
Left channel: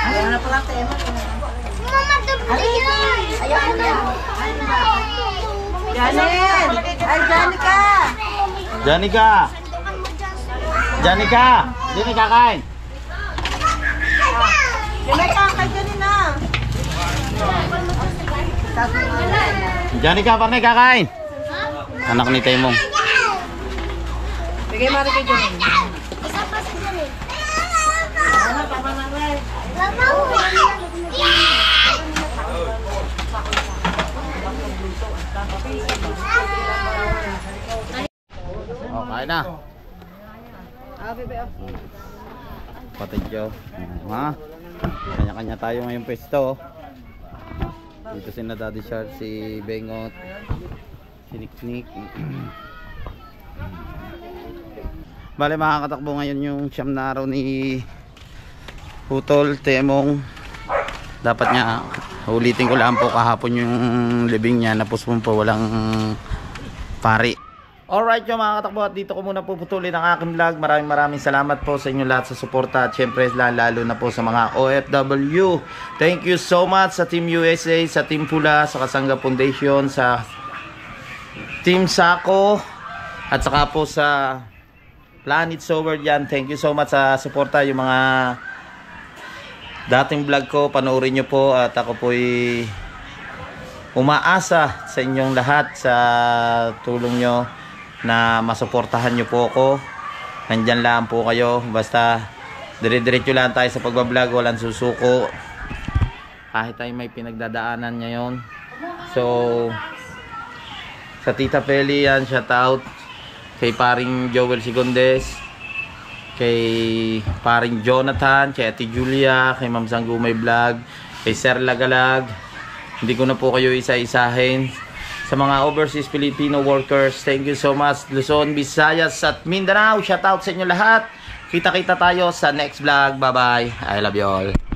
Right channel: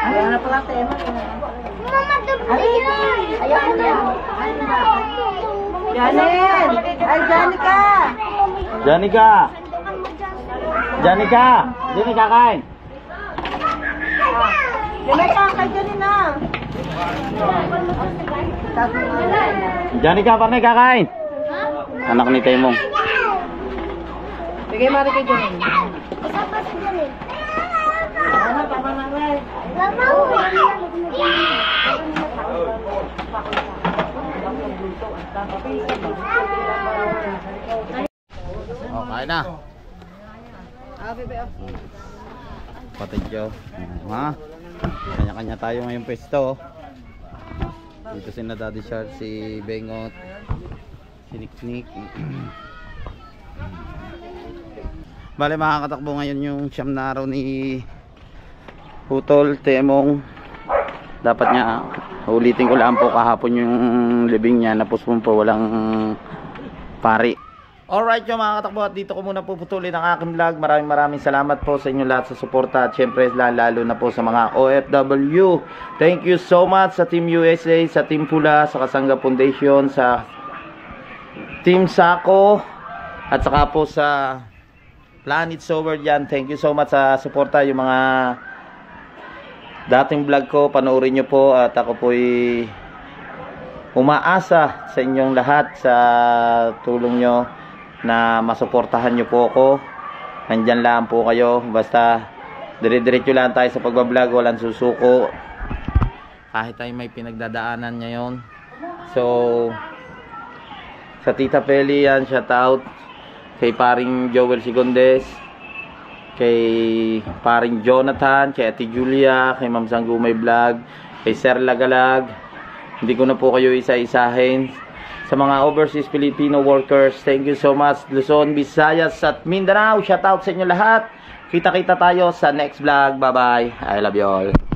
Ayaw na pala tema. Ayaw ko na. Janet! Ay, Janica! Janica, dini kakain. Janica, kay Janina! Janica, panay kakain. Anak ni Temong. Bigay mari kay Janina. Isa pa si Janet. Ano, tama na rin. Oh, kain na. Patidyo. Ha? Kanya-kanya tayo ngayong pwesto. Dito si Daddy Shark, si Bengot, si Nick. Bale, makakatakbo ngayon yung siyam na araw ni Putol, Temong. Dapat niya, ulitin ko lang po kahapon yung libing niya, napuspon po, walang pari. Alright yung mga katakbo, at dito ko muna puputulin ang aking vlog. Maraming salamat po sa inyo lahat sa suporta, at syempre lalo na po sa mga OFW. Thank you so much sa Team USA, sa Team Pula, sa Kasangga Foundation, sa Team Sako, at saka po sa Planet Sober dyan. Thank you so much sa suporta. Yung mga dating vlog ko, panoorin nyo po, at ako po'y umaasa sa inyong lahat sa tulong nyo na masuportahan nyo po ako. Nandyan lang po kayo, basta dire-diretso lang tayo sa pagbablog, walang susuko kahit tayo may pinagdadaanan ngayon. So sa Tita Feli yan, shout out kay paring Joel Sigondes, kay paring Jonathan, kay Ate Julia, kay Ma'am Sanggumay Vlog, kay Sir Lagalag. Hindi ko na po kayo isa-isahin. Sa mga overseas Filipino workers, thank you so much. Luzon, Visayas at Mindanao, shout out sa inyo lahat. Kita-kita tayo sa next vlog. Bye bye, I love you all.